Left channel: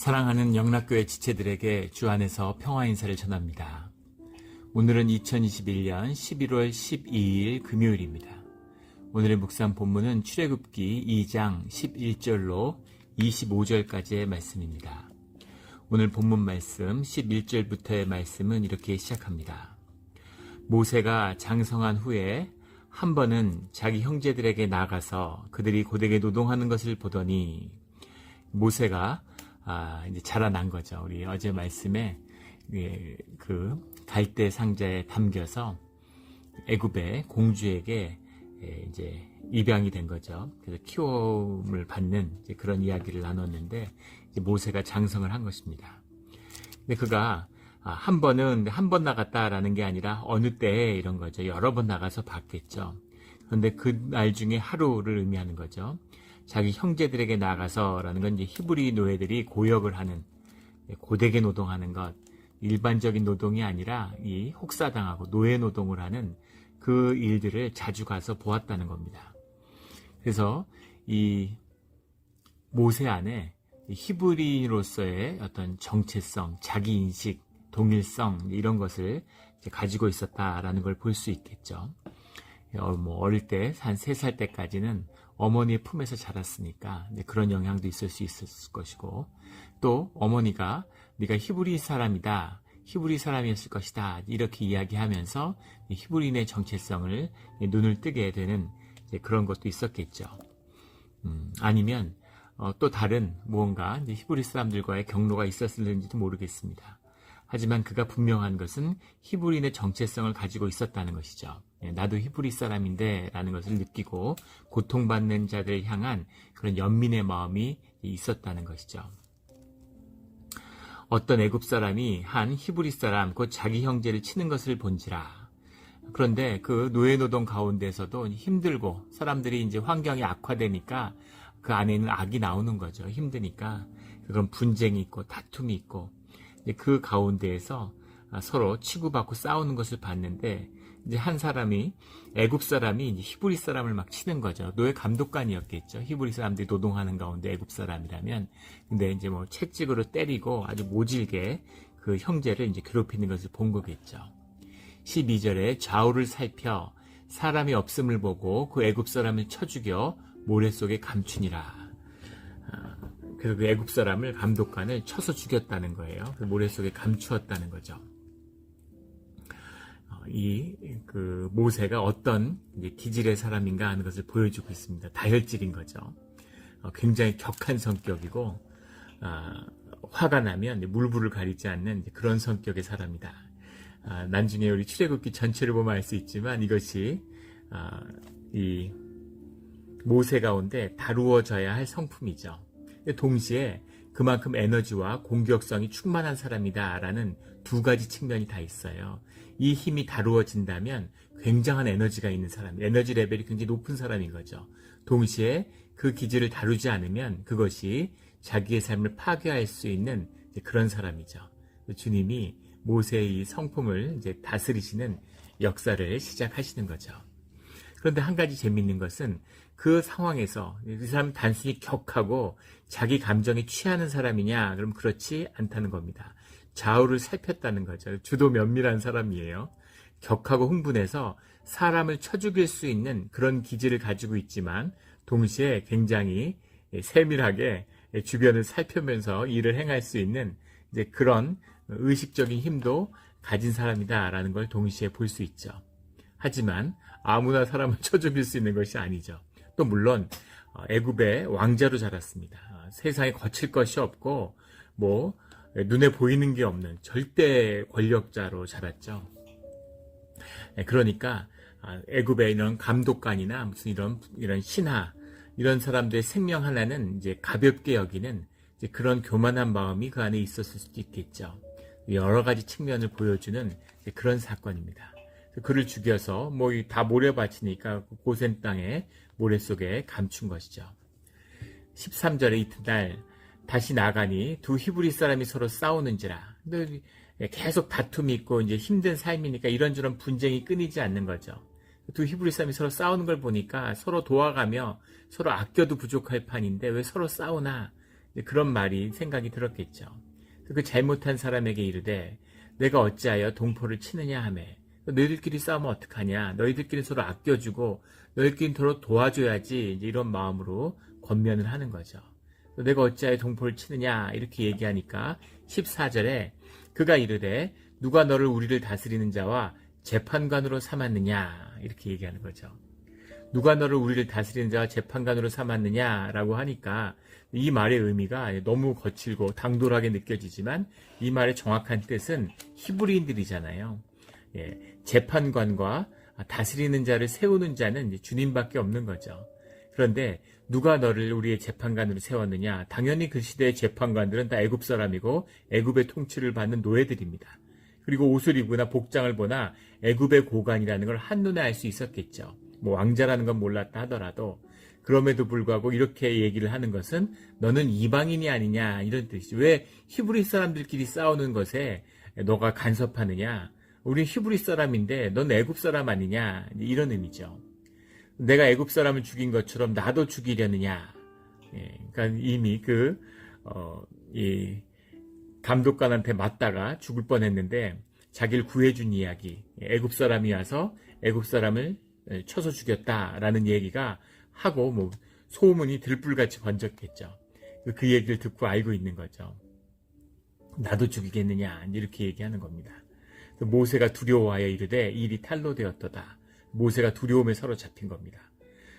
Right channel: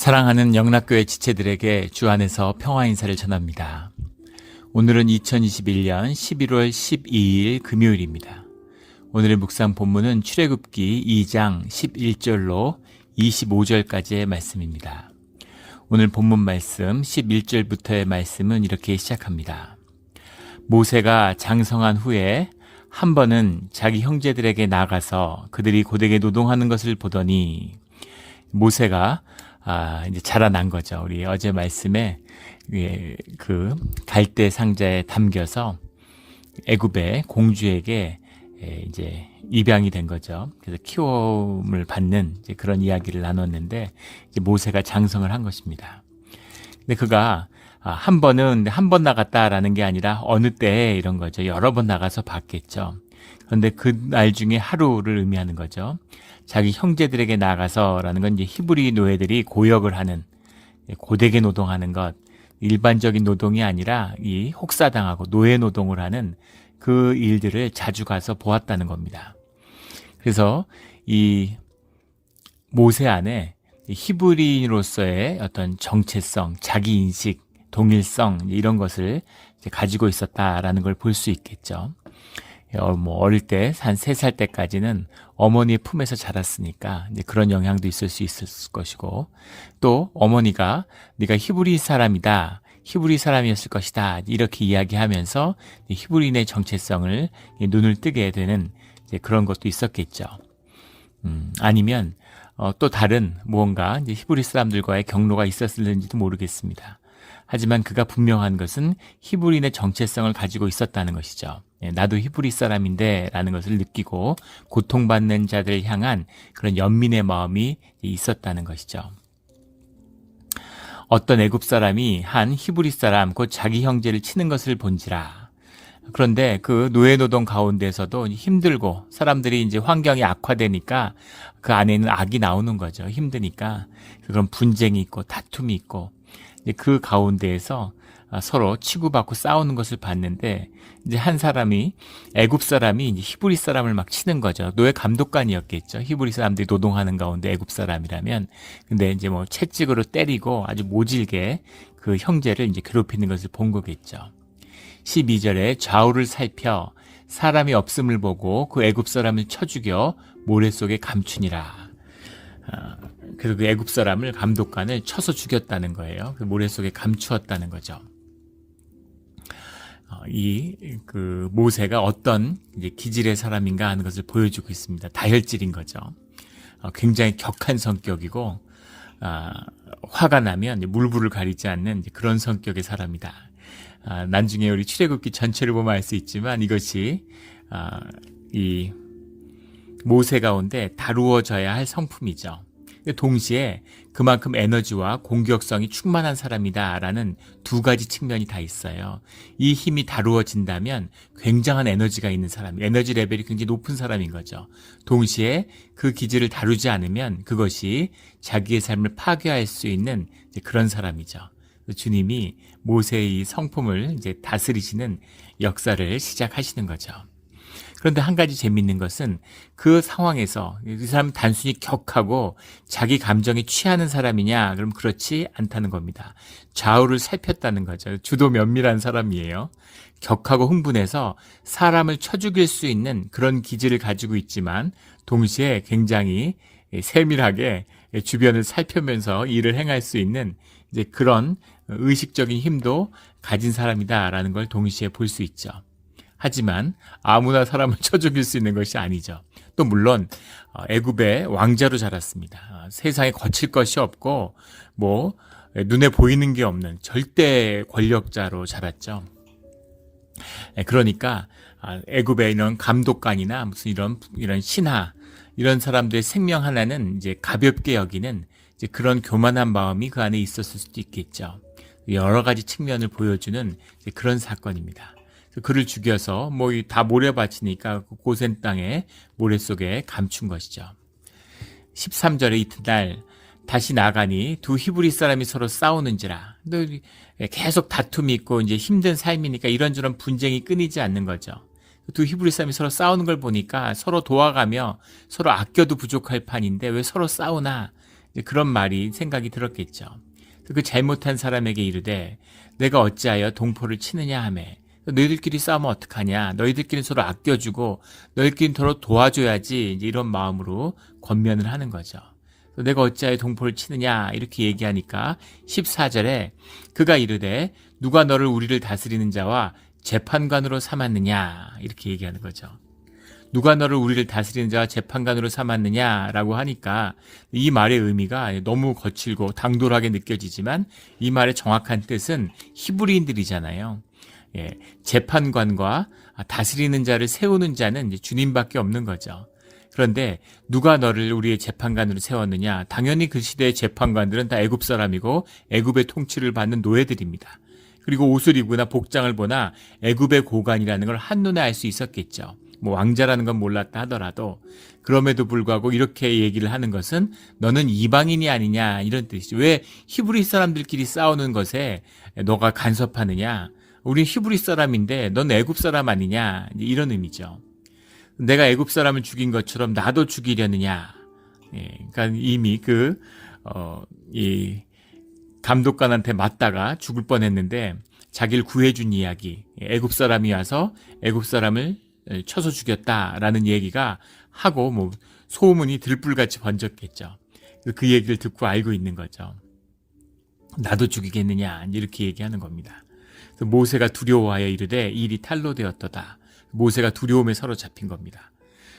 사랑하는 영락교회 지체들에게 주 안에서 평화 인사를 전합니다. 오늘은 2021년 11월 12일 금요일입니다. 오늘의 묵상 본문은 출애굽기 2장 11절로 25절까지의 말씀입니다. 오늘 본문 말씀 11절부터의 말씀은 이렇게 시작합니다. 모세가 장성한 후에 한 번은 자기 형제들에게 나가서 그들이 고되게 노동하는 것을 보더니 모세가 이제 자라난 거죠. 우리 어제 말씀에 그 갈대 상자에 담겨서 애굽의 공주에게 이제 입양이 된 거죠. 그래서 키움을 받는 이제 그런 이야기를 나눴는데 이제 모세가 장성을 한 것입니다. 근데 그가 한 번은 한 번 나갔다라는 게 아니라 어느 때에 이런 거죠. 여러 번 나가서 봤겠죠. 그런데 그날 중에 하루를 의미하는 거죠. 자기 형제들에게 나가서라는 건 이제 히브리 노예들이 고역을 하는, 고되게 노동하는 것, 일반적인 노동이 아니라 이 혹사당하고 노예 노동을 하는 그 일들을 자주 가서 보았다는 겁니다. 그래서 이 모세 안에 히브리인으로서의 어떤 정체성, 자기인식, 동일성 이런 것을 가지고 있었다라는 걸 볼 수 있겠죠. 어릴 때 한 3살 때까지는 어머니의 품에서 자랐으니까 이제 그런 영향도 있을 수 있을 것이고, 또 어머니가 네가 히브리 사람이다, 히브리 사람이었을 것이다 이렇게 이야기하면서 히브리인의 정체성을 눈을 뜨게 되는 이제 그런 것도 있었겠죠. 아니면 또 다른 무언가 이제 히브리 사람들과의 경로가 있었을는지도 모르겠습니다. 하지만 그가 분명한 것은 히브리인의 정체성을 가지고 있었다는 것이죠. 나도 히브리 사람인데 라는 것을 느끼고 고통받는 자들을 향한 그런 연민의 마음이 있었다는 것이죠. 어떤 애굽 사람이 한 히브리 사람 곧 자기 형제를 치는 것을 본지라. 그런데 그 노예 노동 가운데서도 힘들고 사람들이 이제 환경이 악화되니까 그 안에는 악이 나오는 거죠. 힘드니까 그런 분쟁이 있고 다툼이 있고 그 가운데에서 서로 치고받고 싸우는 것을 봤는데, 이제 한 사람이 애굽 사람이 이제 히브리 사람을 막 치는 거죠. 노예 감독관이었겠죠. 히브리 사람들이 노동하는 가운데 애굽 사람이라면. 근데 이제 뭐 채찍으로 때리고 아주 모질게 그 형제를 이제 괴롭히는 것을 본 거겠죠. 12절에 좌우를 살펴 사람이 없음을 보고 그 애굽 사람을 쳐 죽여 모래 속에 감추니라. 그래서 그 애굽 사람을 감독관을 쳐서 죽였다는 거예요. 그 모래 속에 감추었다는 거죠. 그 모세가 어떤 이제 기질의 사람인가 하는 것을 보여주고 있습니다. 다혈질인 거죠. 굉장히 격한 성격이고, 화가 나면 물불을 가리지 않는 그런 성격의 사람이다. 나중에 우리 출애굽기 전체를 보면 알 수 있지만 이것이 이 모세 가운데 다루어져야 할 성품이죠. 동시에 그만큼 에너지와 공격성이 충만한 사람이다라는 두 가지 측면이 다 있어요. 이 힘이 다루어진다면 굉장한 에너지가 있는 사람, 에너지 레벨이 굉장히 높은 사람인 거죠. 동시에 그 기질을 다루지 않으면 그것이 자기의 삶을 파괴할 수 있는 그런 사람이죠. 주님이 모세의 이 성품을 이제 다스리시는 역사를 시작하시는 거죠. 그런데 한 가지 재미있는 것은 그 상황에서 이 사람은 단순히 격하고 자기 감정에 취하는 사람이냐? 그럼 그렇지 않다는 겁니다. 좌우를 살폈다는 거죠. 주도 면밀한 사람이에요. 격하고 흥분해서 사람을 쳐 죽일 수 있는 그런 기질을 가지고 있지만 동시에 굉장히 세밀하게 주변을 살피면서 일을 행할 수 있는 이제 그런 의식적인 힘도 가진 사람이다라는 걸 동시에 볼 수 있죠. 하지만 아무나 사람을 쳐 죽일 수 있는 것이 아니죠. 또 물론 애굽의 왕자로 자랐습니다. 세상에 거칠 것이 없고 뭐 눈에 보이는 게 없는 절대 권력자로 자랐죠. 그러니까 애굽의 이런 감독관이나 무슨 이런 신하 이런 사람들의 생명 하나는 이제 가볍게 여기는 이제 그런 교만한 마음이 그 안에 있었을 수도 있겠죠. 여러 가지 측면을 보여주는 그런 사건입니다. 그를 죽여서 뭐 다 모래밭이니까 고센 땅에 모래 속에 감춘 것이죠. 13절에 이튿날 다시 나가니 두 히브리 사람이 서로 싸우는지라. 계속 다툼이 있고 이제 힘든 삶이니까 이런저런 분쟁이 끊이지 않는 거죠. 두 히브리 사람이 서로 싸우는 걸 보니까 서로 도와가며 서로 아껴도 부족할 판인데 왜 서로 싸우나? 이제 그런 말이 생각이 들었겠죠. 그 잘못한 사람에게 이르되 내가 어찌하여 동포를 치느냐 하매 너희들끼리 싸우면 어떡하냐, 너희들끼리 서로 아껴주고 너희들끼리 서로 도와줘야지, 이제 이런 마음으로 권면을 하는 거죠. 내가 어찌하여 동포를 치느냐 이렇게 얘기하니까 14절에 그가 이르되 누가 너를 우리를 다스리는 자와 재판관으로 삼았느냐 이렇게 얘기하는 거죠. 누가 너를 우리를 다스리는 자와 재판관으로 삼았느냐라고 하니까 이 말의 의미가 너무 거칠고 당돌하게 느껴지지만 이 말의 정확한 뜻은 히브리인들이잖아요. 예, 재판관과 다스리는 자를 세우는 자는 이제 주님밖에 없는 거죠. 그런데 누가 너를 우리의 재판관으로 세웠느냐? 당연히 그 시대의 재판관들은 다 애굽 사람이고 애굽의 통치를 받는 노예들입니다. 그리고 옷을 입거나 복장을 보나 애굽의 고관이라는 걸 한눈에 알 수 있었겠죠. 뭐 왕자라는 건 몰랐다 하더라도 그럼에도 불구하고 이렇게 얘기를 하는 것은 너는 이방인이 아니냐 이런 뜻이죠. 왜 히브리 사람들끼리 싸우는 것에 너가 간섭하느냐? 우리 히브리 사람인데 넌 애굽 사람 아니냐? 이런 의미죠. 내가 애굽 사람을 죽인 것처럼 나도 죽이려느냐? 예, 그러니까 이미 이 감독관한테 맞다가 죽을 뻔했는데 자기를 구해준 이야기. 애굽 사람이 와서 애굽 사람을 쳐서 죽였다라는 얘기가 하고 뭐 소문이 들불같이 번졌겠죠. 그 얘기를 듣고 알고 있는 거죠. 나도 죽이겠느냐 이렇게 얘기하는 겁니다. 그래서 모세가 두려워하여 이르되 이 일이 탈로 되었도다. 모세가 두려움에 사로잡힌 겁니다.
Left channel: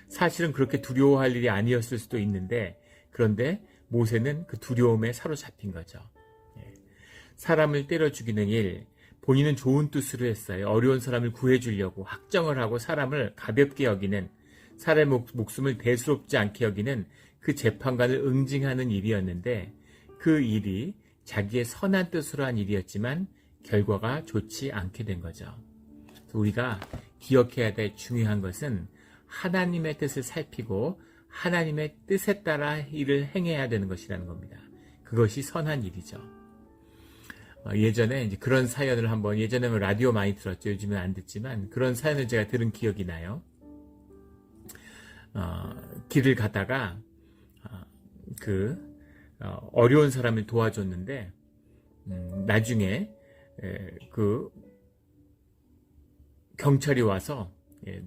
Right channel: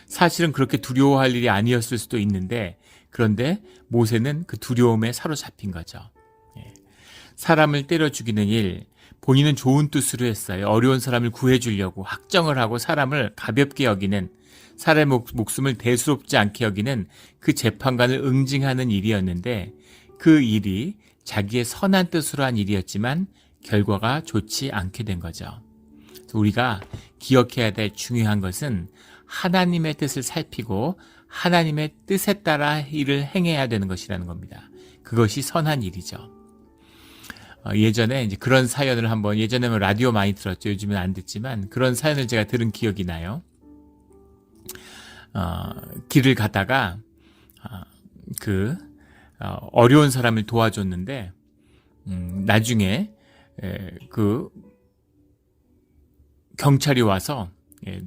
사실은 그렇게 두려워할 일이 아니었을 수도 있는데 그런데 모세는 그 두려움에 사로잡힌 거죠. 사람을 때려 죽이는 일, 본인은 좋은 뜻으로 했어요. 어려운 사람을 구해주려고 확정을 하고 사람을 가볍게 여기는, 사람의 목숨을 대수롭지 않게 여기는 그 재판관을 응징하는 일이었는데 그 일이 자기의 선한 뜻으로 한 일이었지만 결과가 좋지 않게 된 거죠. 우리가 기억해야 될 중요한 것은 하나님의 뜻을 살피고 하나님의 뜻에 따라 일을 행해야 되는 것이라는 겁니다. 그것이 선한 일이죠. 예전에 이제 그런 사연을 한번, 예전에는 라디오 많이 들었죠. 요즘은 안 듣지만 그런 사연을 제가 들은 기억이 나요. 길을 가다가 어려운 사람을 도와줬는데 나중에 경찰이 와서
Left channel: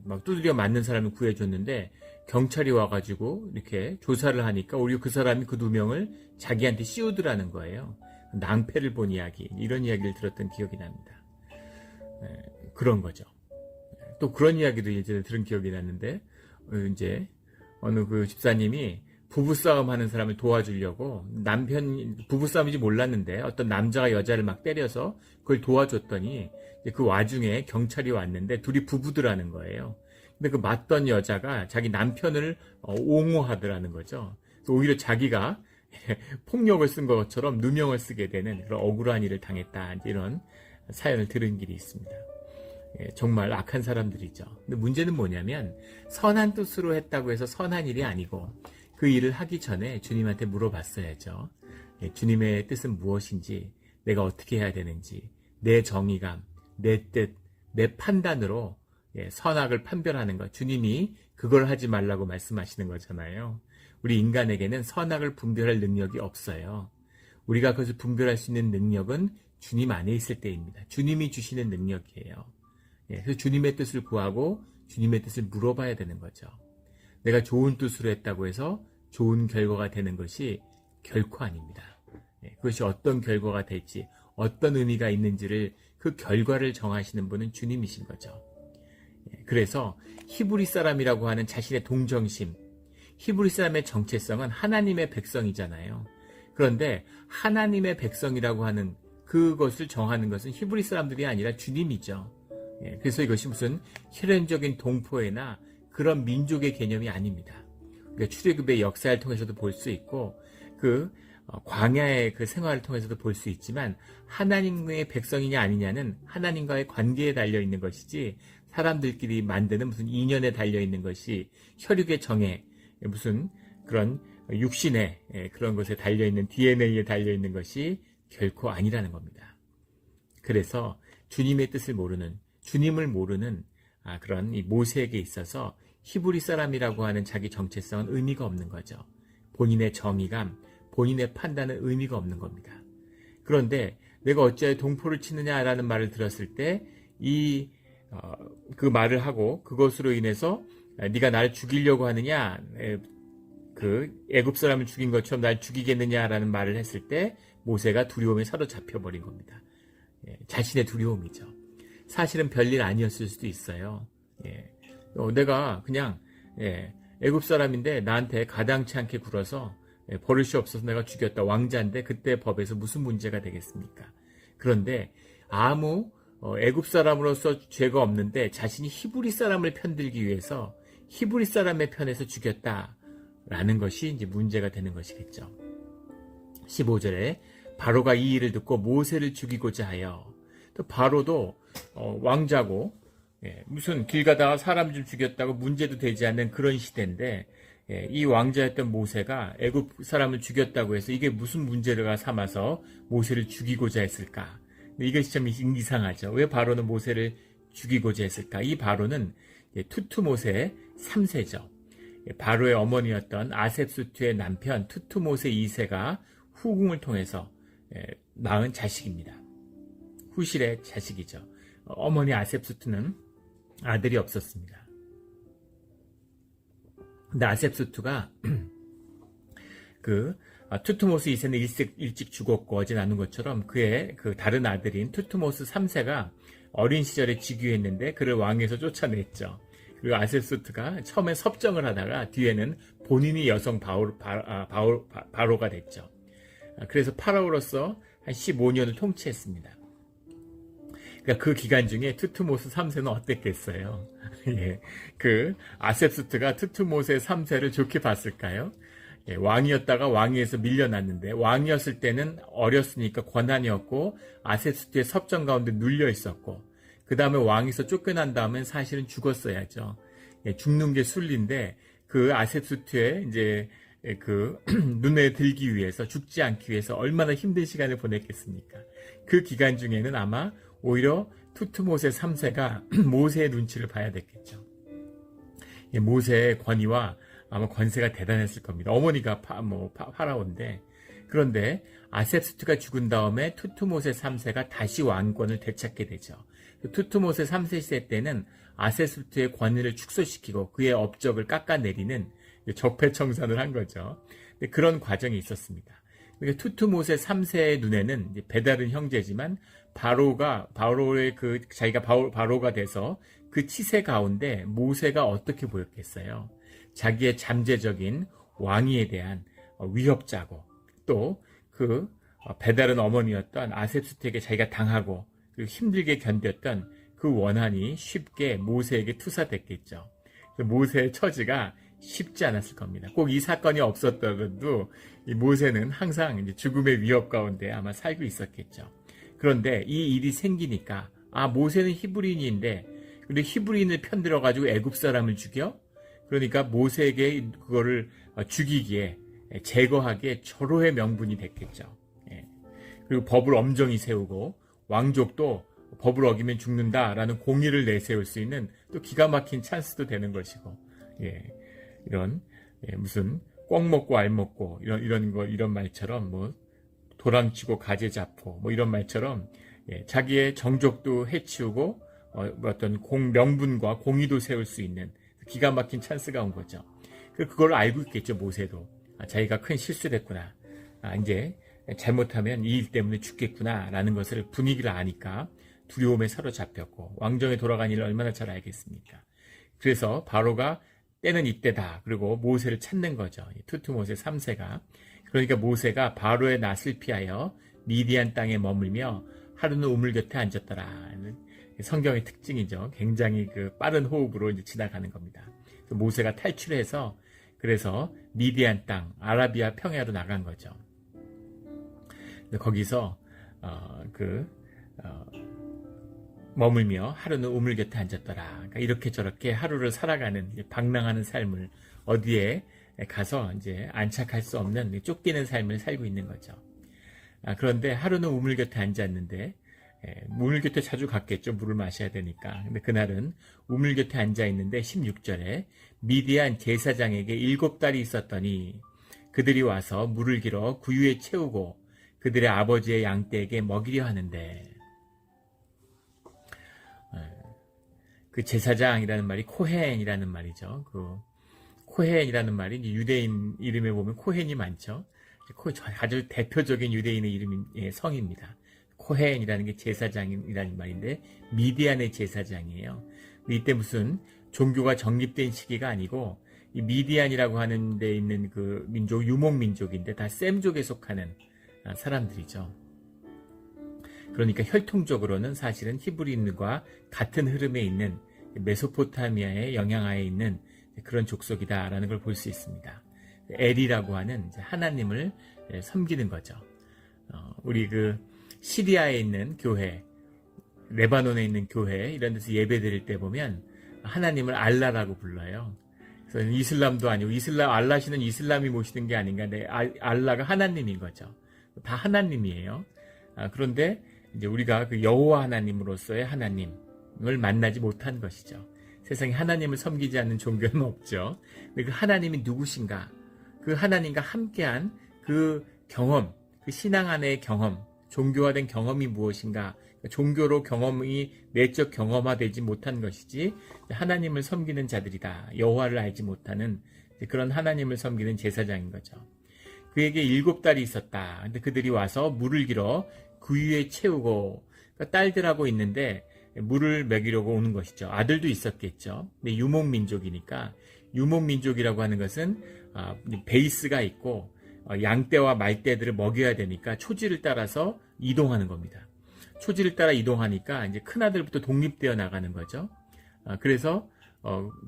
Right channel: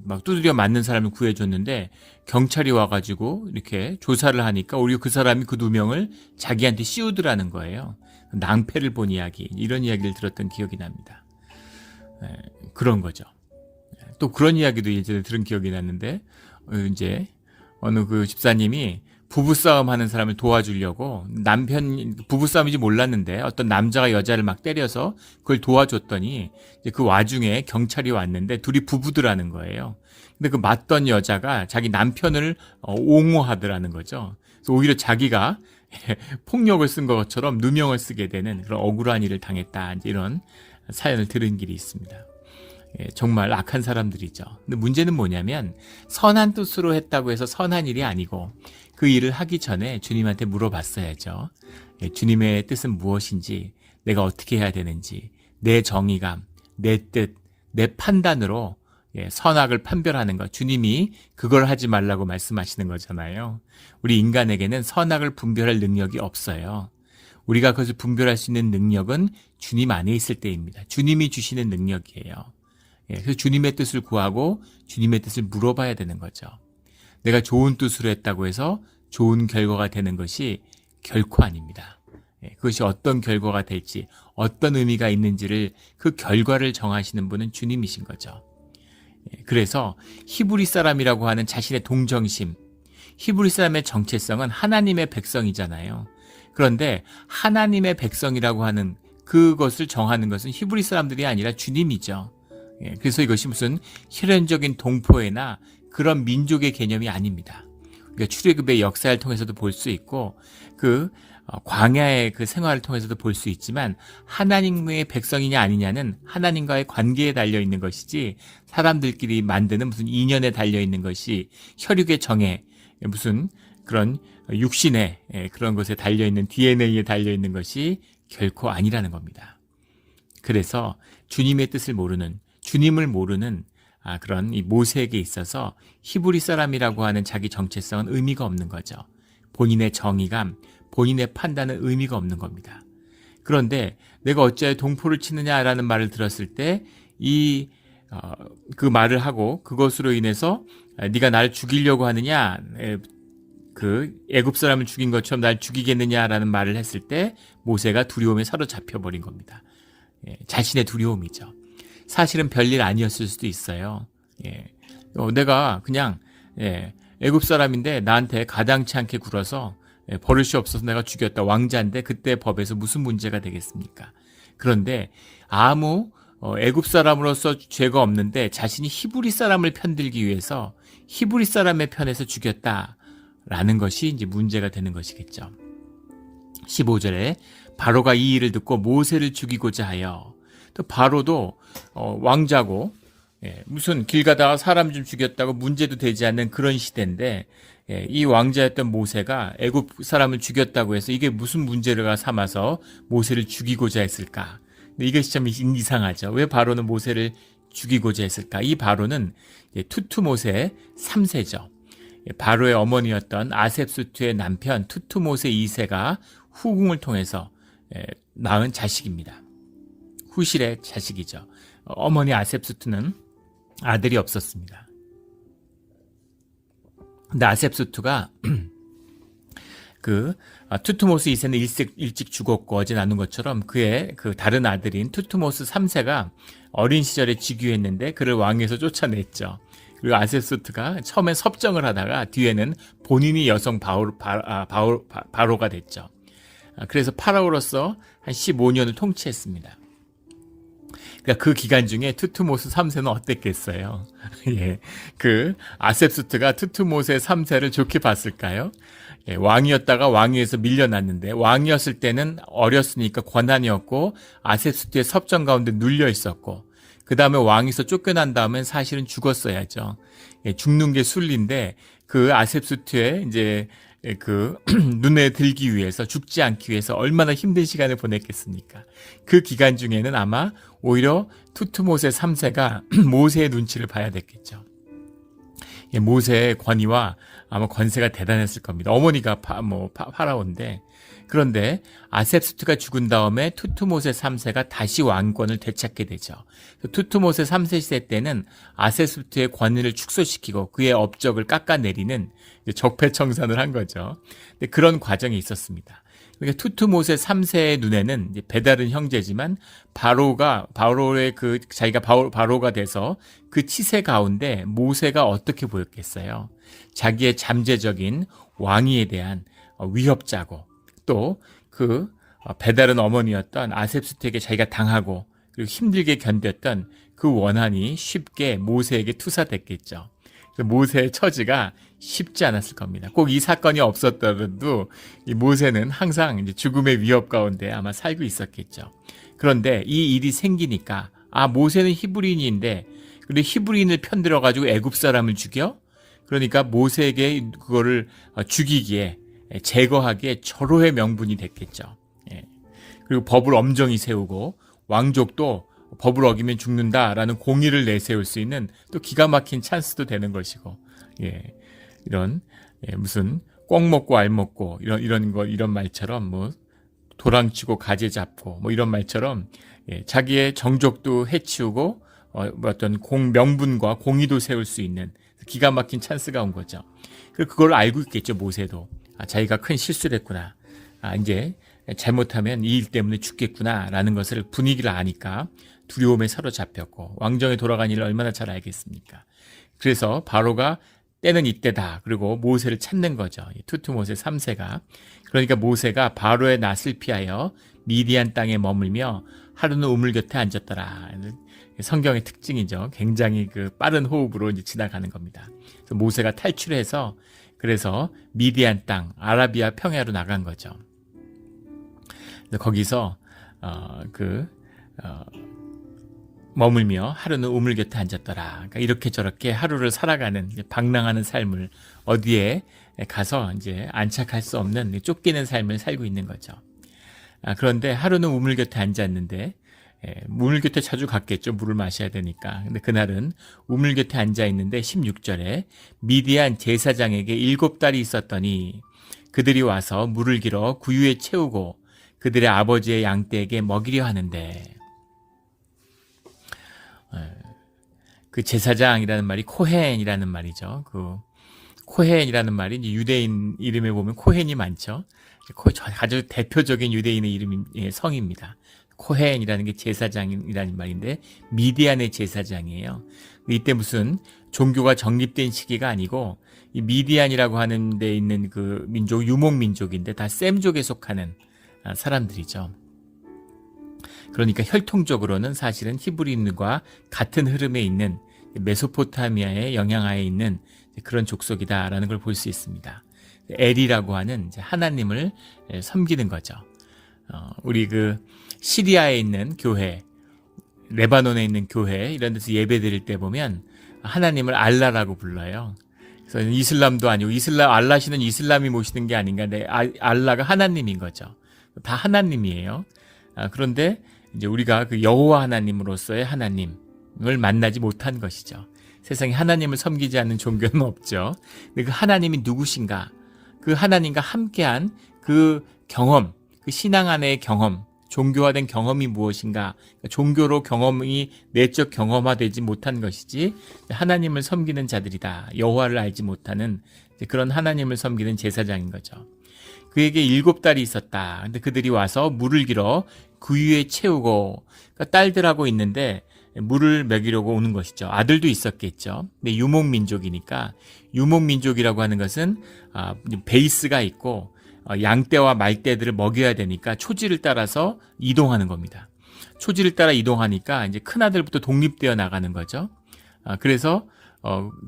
막 두드려 맞는 사람을 구해줬는데 경찰이 와가지고 이렇게 조사를 하니까 오히려 그 사람이 그 2명을 자기한테 씌우더라는 거예요. 낭패를 본 이야기, 이런 이야기를 들었던 기억이 납니다. 그런 거죠. 또 그런 이야기도 예전에 들은 기억이 났는데 이제 어느 그 집사님이 부부싸움 하는 사람을 도와주려고 부부싸움인지 몰랐는데 어떤 남자가 여자를 막 때려서 그걸 도와줬더니 이제 그 와중에 경찰이 왔는데 둘이 부부더라는 거예요. 근데 그 맞던 여자가 자기 남편을 옹호하더라는 거죠. 그래서 오히려 자기가 폭력을 쓴 것처럼 누명을 쓰게 되는 그런 억울한 일을 당했다. 이런 사연을 들은 길이 있습니다. 정말 악한 사람들이죠. 근데 문제는 뭐냐면 선한 뜻으로 했다고 해서 선한 일이 아니고 그 일을 하기 전에 주님한테 물어봤어야죠. 주님의 뜻은 무엇인지, 내가 어떻게 해야 되는지, 내 정의감, 내 뜻, 내 판단으로 선악을 판별하는 것. 주님이 그걸 하지 말라고 말씀하시는 거잖아요. 우리 인간에게는 선악을 분별할 능력이 없어요. 우리가 그것을 분별할 수 있는 능력은 주님 안에 있을 때입니다. 주님이 주시는 능력이에요. 그래서 주님의 뜻을 구하고 주님의 뜻을 물어봐야 되는 거죠. 내가 좋은 뜻으로 했다고 해서 좋은 결과가 되는 것이 결코 아닙니다. 그것이 어떤 결과가 될지, 어떤 의미가 있는지를, 그 결과를 정하시는 분은 주님이신 거죠. 그래서 히브리 사람이라고 하는 자신의 동정심, 히브리 사람의 정체성은 하나님의 백성이잖아요. 그런데 하나님의 백성이라고 하는 그것을 정하는 것은 히브리 사람들이 아니라 주님이죠. 그래서 이것이 무슨 혈연적인 동포애나 그런 민족의 개념이 아닙니다. 그러니까 출애굽의 역사를 통해서도 볼 수 있고 광야의 그 생활을 통해서도 볼 수 있지만 하나님의 백성이냐 아니냐는 하나님과의 관계에 달려있는 것이지 사람들끼리 만드는 무슨 인연에 달려있는 것이, 혈육의 정에, 무슨 그런 육신의 그런 것에 달려있는 DNA에 달려있는 것이 결코 아니라는 겁니다. 그래서 주님의 뜻을 모르는, 주님을 모르는 그런 이 모세에게 있어서 히브리 사람이라고 하는 자기 정체성은 의미가 없는 거죠. 본인의 정의감, 본인의 판단은 의미가 없는 겁니다. 그런데 내가 어찌하여 동포를 치느냐라는 말을 들었을 때 그 말을 하고 그것으로 인해서 네가 날 죽이려고 하느냐, 그 애굽 사람을 죽인 것처럼 날 죽이겠느냐라는 말을 했을 때 모세가 두려움에 사로잡혀 버린 겁니다. 자신의 두려움이죠. 사실은 별일 아니었을 수도 있어요. 내가 그냥 애굽 사람인데 나한테 가당치 않게 굴어서 버릇이 없어서 내가 죽였다. 왕자인데 그때 법에서 무슨 문제가 되겠습니까? 그런데 아무 애굽 사람으로서 죄가 없는데 자신이 히브리 사람을 편들기 위해서 히브리 사람의 편에서 죽였다라는 것이 이제 문제가 되는 것이겠죠. 15절에 바로가 이 일을 듣고 모세를 죽이고자 하여, 또 바로도 왕자고 무슨 길 가다가 사람 좀 죽였다고 문제도 되지 않는 그런 시대인데 이 왕자였던 모세가 애굽 사람을 죽였다고 해서 이게 무슨 문제를 삼아서 모세를 죽이고자 했을까? 근데 이것이 참 이상하죠. 왜 바로는 모세를 죽이고자 했을까? 이 바로는 투투모세 3세죠. 바로의 어머니였던 아셉수투의 남편 투투모세 2세가 후궁을 통해서 낳은 자식입니다. 후실의 자식이죠. 어머니 아셉수투는 아들이 없었습니다. 근데 아셉수투가 투투모스 2세는 일찍 죽었고 어제 나눈 것처럼 그의 그 다른 아들인 투투모스 3세가 어린 시절에 즉위했는데 그를 왕에서 쫓아냈죠. 그리고 아셉수투가 처음에 섭정을 하다가 뒤에는 본인이 여성 바로가 됐죠. 그래서 파라오로서 한 15년을 통치했습니다. 그러니까 그 기간 중에 투투모스 3세는 어땠겠어요? 그 아셉수트가 투투모스 3세를 좋게 봤을까요? 왕이었다가 왕위에서 밀려났는데 왕이었을 때는 어렸으니까 권한이었고 아셉수트의 섭정 가운데 눌려 있었고 그 다음에 왕에서 쫓겨난 다음엔 사실은 죽었어야죠. 죽는 게 순리인데 그 아셉수트의 이제 그 눈에 들기 위해서 죽지 않기 위해서 얼마나 힘든 시간을 보냈겠습니까? 그 기간 중에는 아마 오히려 투투모세 3세가 모세의 눈치를 봐야 됐겠죠. 모세의 권위와 아마 권세가 대단했을 겁니다. 어머니가 파라오인데 그런데 아셉수트가 죽은 다음에 투투모세 3세가 다시 왕권을 되찾게 되죠. 투투모세 3세 시대 때는 아셉수트의 권위를 축소시키고 그의 업적을 깎아내리는 적폐청산을 한 거죠. 근데 그런 과정이 있었습니다. 그러니까 투투모세 3세의 눈에는 이제 배다른 형제지만 바로의 자기가 바로가 돼서 그 치세 가운데 모세가 어떻게 보였겠어요? 자기의 잠재적인 왕위에 대한 위협자고 또 그 배다른 어머니였던 아셉수트에게 자기가 당하고 그리고 힘들게 견뎠던 그 원한이 쉽게 모세에게 투사됐겠죠. 모세의 처지가 쉽지 않았을 겁니다. 꼭 이 사건이 없었더라도 이 모세는 항상 이제 죽음의 위협 가운데 아마 살고 있었겠죠. 그런데 이 일이 생기니까 모세는 히브리인인데 근데 히브리인을 편들어 가지고 애굽 사람을 죽여? 그러니까 모세에게 그거를 죽이기에 제거하기에 절호의 명분이 됐겠죠. 그리고 법을 엄정히 세우고 왕족도 법을 어기면 죽는다라는 공의를 내세울 수 있는 또 기가 막힌 찬스도 되는 것이고, 이런 무슨 꿩 먹고 알 먹고 이런 말처럼 도랑치고 가재 잡고 이런 말처럼 자기의 정족도 해치우고 어떤 명분과 공의도 세울 수 있는 기가 막힌 찬스가 온 거죠. 그걸 알고 있겠죠. 모세도 자기가 큰 실수를 했구나. 이제 잘못하면 이 일 때문에 죽겠구나라는 것을 분위기를 아니까 두려움에 사로잡혔고 왕정에 돌아간 일을 얼마나 잘 알겠습니까? 그래서 바로가 때는 이때다. 그리고 모세를 찾는 거죠. 투투모세 3세가. 그러니까 모세가 바로의 낯을 피하여 미디안 땅에 머물며 하루는 우물 곁에 앉았더라. 성경의 특징이죠. 굉장히 빠른 호흡으로 이제 지나가는 겁니다. 그래서 모세가 탈출해서 그래서 미디안 땅, 아라비아 평야로 나간 거죠. 거기서 머물며 하루는 우물 곁에 앉았더라. 그러니까 이렇게 저렇게 하루를 살아가는 방랑하는 삶을 어디에 가서 이제 안착할 수 없는 쫓기는 삶을 살고 있는 거죠. 그런데 하루는 우물 곁에 앉았는데 우물 곁에 자주 갔겠죠. 물을 마셔야 되니까. 근데 그날은 우물 곁에 앉아 있는데 16절에 미디안 제사장에게 7달이 있었더니 그들이 와서 물을 길어 구유에 채우고 그들의 아버지의 양떼에게 먹이려 하는데, 그 제사장이라는 말이 코헨이라는 말이죠. 그 코헨이라는 말이 이제 유대인 이름에 보면 코헨이 많죠. 아주 대표적인 유대인의 이름의 성입니다. 코헨이라는 게 제사장이라는 말인데 미디안의 제사장이에요. 이때 무슨 종교가 정립된 시기가 아니고 이 미디안이라고 하는 데 있는 그 민족 유목 민족인데 다 셈족에 속하는 사람들이죠. 그러니까 혈통적으로는 사실은 히브리인과 같은 흐름에 있는 메소포타미아의 영향하에 있는 그런 족속이다라는 걸 볼 수 있습니다. 엘이라고 하는 하나님을 섬기는 거죠. 우리 그 시리아에 있는 교회, 레바논에 있는 교회 이런 데서 예배 드릴 때 보면 하나님을 알라라고 불러요. 그래서 이슬람도 아니고 알라시는 이슬람이 모시는 게 아닌가. 근데 알라가 하나님인 거죠. 다 하나님이에요. 그런데 이제 우리가 그 여호와 하나님으로서의 하나님을 만나지 못한 것이죠. 세상에 하나님을 섬기지 않는 종교는 없죠. 근데 그 하나님이 누구신가? 그 하나님과 함께한 그 경험, 그 신앙 안의 경험, 종교화된 경험이 무엇인가? 종교로 경험이 내적 경험화되지 못한 것이지 하나님을 섬기는 자들이다. 여호와를 알지 못하는 그런 하나님을 섬기는 제사장인 거죠. 그에게 7딸이 있었다. 근데 그들이 와서 물을 길어 구유에 채우고, 그러니까 딸들하고 있는데 물을 먹이려고 오는 것이죠. 아들도 있었겠죠. 근데 유목민족이니까, 유목민족이라고 하는 것은 베이스가 있고 양떼와 말떼들을 먹여야 되니까 초지를 따라서 이동하는 겁니다. 초지를 따라 이동하니까 이제 큰 아들부터 독립되어 나가는 거죠. 그래서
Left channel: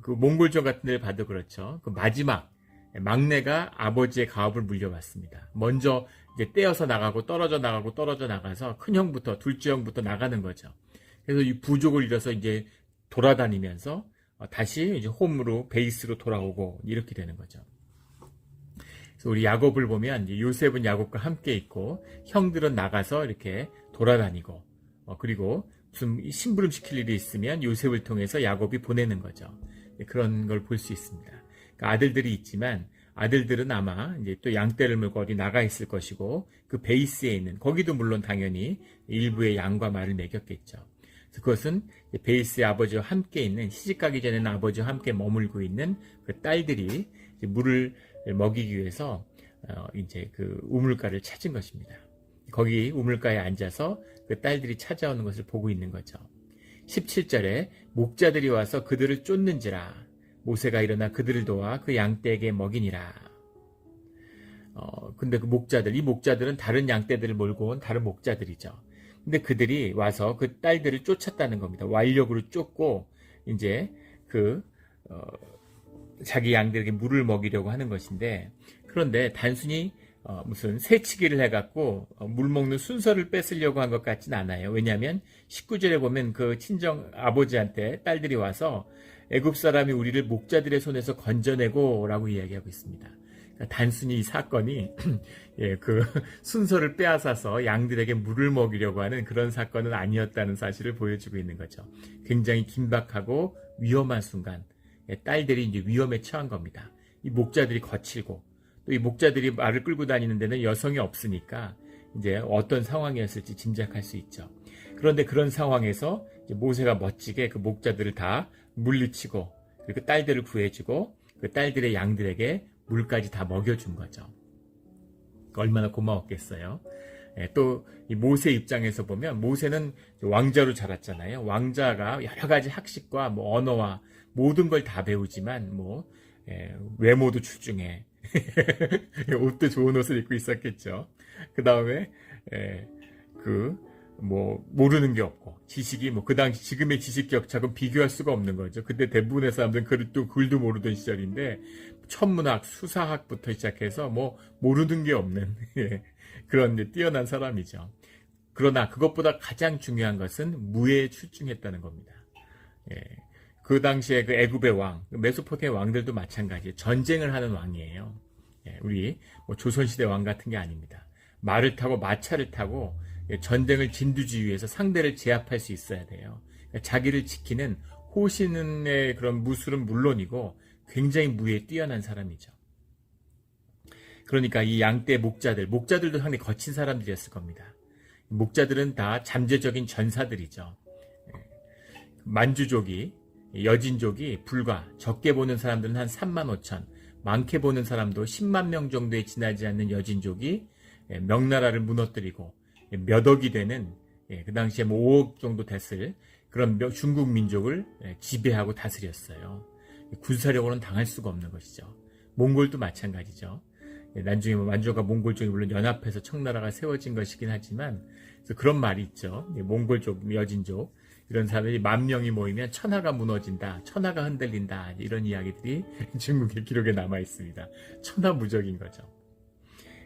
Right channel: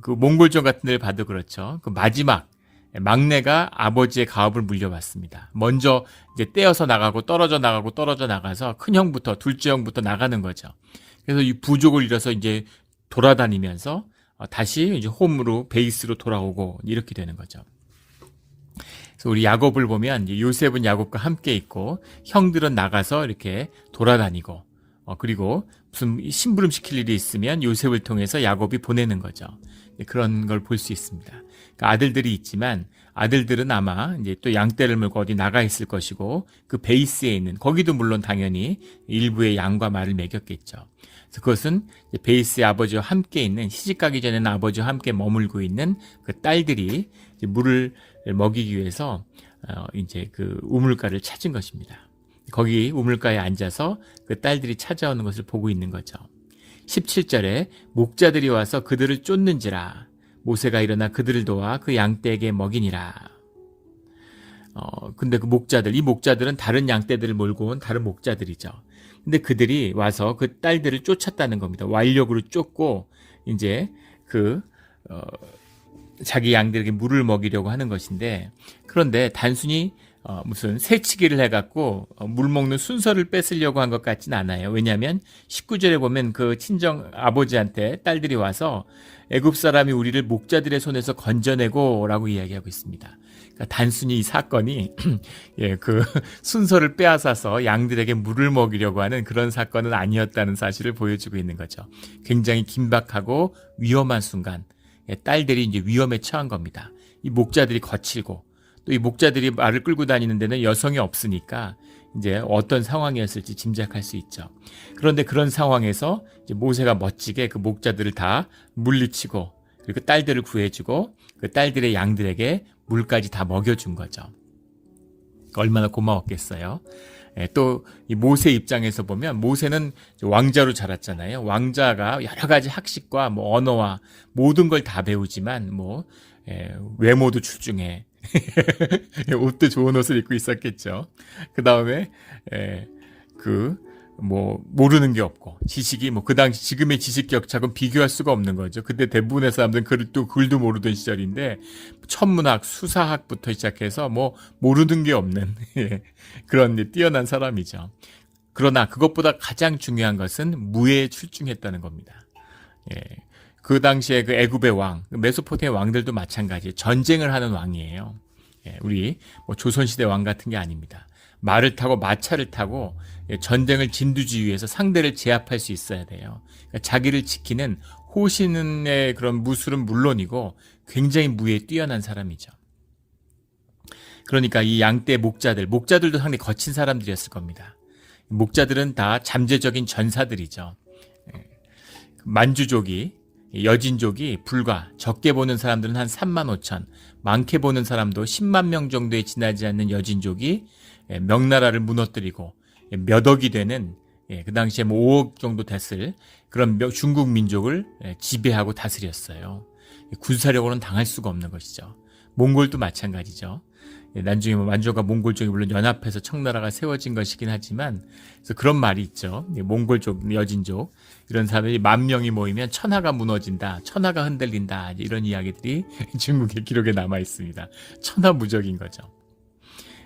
그 몽골전 같은 데를 봐도 그렇죠. 그 마지막 막내가 아버지의 가업을 물려받습니다. 먼저 이제 떼어서 나가고 떨어져 나가서 큰 형부터, 둘째 형부터 나가는 거죠. 그래서 이 부족을 잃어서 이제 돌아다니면서 다시 이제 홈으로, 베이스로 돌아오고 이렇게 되는 거죠. 그래서 우리 야곱을 보면 요셉은 야곱과 함께 있고 형들은 나가서 이렇게 돌아다니고 그리고 무슨 심부름 시킬 일이 있으면 요셉을 통해서 야곱이 보내는 거죠. 그런 걸 볼 수 있습니다. 그러니까 아들들이 있지만 아들들은 아마 이제 또 양떼를 물고 어디 나가 있을 것이고 그 베이스에 있는 거기도 물론 당연히 일부의 양과 말을 먹였겠죠. 그래서 그것은 베이스의 아버지와 함께 있는, 시집가기 전에는 아버지와 함께 머물고 있는 그 딸들이 물을 먹이기 위해서 이제 그 우물가를 찾은 것입니다. 거기 우물가에 앉아서 그 딸들이 찾아오는 것을 보고 있는 거죠. 17절에 목자들이 와서 그들을 쫓는지라 모세가 일어나 그들을 도와 그 양떼에게 먹이니라. 근데 그 목자들, 이 목자들은 다른 양떼들을 몰고 온 다른 목자들이죠. 근데 그들이 와서 그 딸들을 쫓았다는 겁니다. 완력으로 쫓고 이제 자기 양들에게 물을 먹이려고 하는 것인데, 그런데 단순히 무슨 새치기를 해갖고 물 먹는 순서를 뺏으려고 한 것 같진 않아요. 왜냐하면 19절에 보면 그 친정 아버지한테 딸들이 와서 애굽 사람이 우리를 목자들의 손에서 건져내고 라고 이야기하고 있습니다. 그러니까 단순히 이 사건이 그 순서를 빼앗아서 양들에게 물을 먹이려고 하는 그런 사건은 아니었다는 사실을 보여주고 있는 거죠. 굉장히 긴박하고 위험한 순간 딸들이 이제 위험에 처한 겁니다. 이 목자들이 거칠고 또 이 목자들이 말을 끌고 다니는 데는 여성이 없으니까 이제 어떤 상황이었을지 짐작할 수 있죠. 그런데 그런 상황에서 이제 모세가 멋지게 그 목자들을 다 물리치고 그리고 딸들을 구해주고 그 딸들의 양들에게 물까지 다 먹여준 거죠. 얼마나 고마웠겠어요. 또 이 모세 입장에서 보면 모세는 왕자로 자랐잖아요. 왕자가 여러 가지 학식과 뭐 언어와 모든 걸 다 배우지만 외모도 출중해. 옷도 좋은 옷을 입고 있었겠죠. 그 다음에 모르는 게 없고 지식이 그 당시 지금의 지식 격차하고는 비교할 수가 없는 거죠. 그때 대부분의 사람들은 글도 모르던 시절인데 천문학, 수사학부터 시작해서 모르는 게 없는 그런 뛰어난 사람이죠. 그러나 그것보다 가장 중요한 것은 무예에 출중했다는 겁니다. 그 당시에 그 애굽의 왕, 메소포타미아 왕들도 마찬가지예요. 전쟁을 하는 왕이에요. 우리 조선시대 왕 같은 게 아닙니다. 말을 타고 마차를 타고 전쟁을 진두지휘해서 상대를 제압할 수 있어야 돼요. 그러니까 자기를 지키는 호신의 그런 무술은 물론이고 굉장히 무예에 뛰어난 사람이죠. 그러니까 이 양떼 목자들도 상당히 거친 사람들이었을 겁니다. 목자들은 다 잠재적인 전사들이죠. 만주족이, 여진족이 불과 적게 보는 사람들은 한 3만 5천, 많게 보는 사람도 10만 명 정도에 지나지 않는 여진족이 명나라를 무너뜨리고 몇 억이 되는, 그 당시에 뭐 5억 정도 됐을 그런 중국 민족을 지배하고 다스렸어요. 군사력으로는 당할 수가 없는 것이죠. 몽골도 마찬가지죠. 나중에 만주가 몽골족이 물론 연합해서 청나라가 세워진 것이긴 하지만, 그래서 그런 말이 있죠. 몽골족, 여진족 이런 사람들이 10,000명이 모이면 천하가 무너진다, 천하가 흔들린다, 이런 이야기들이 중국의 기록에 남아 있습니다. 천하무적인 거죠.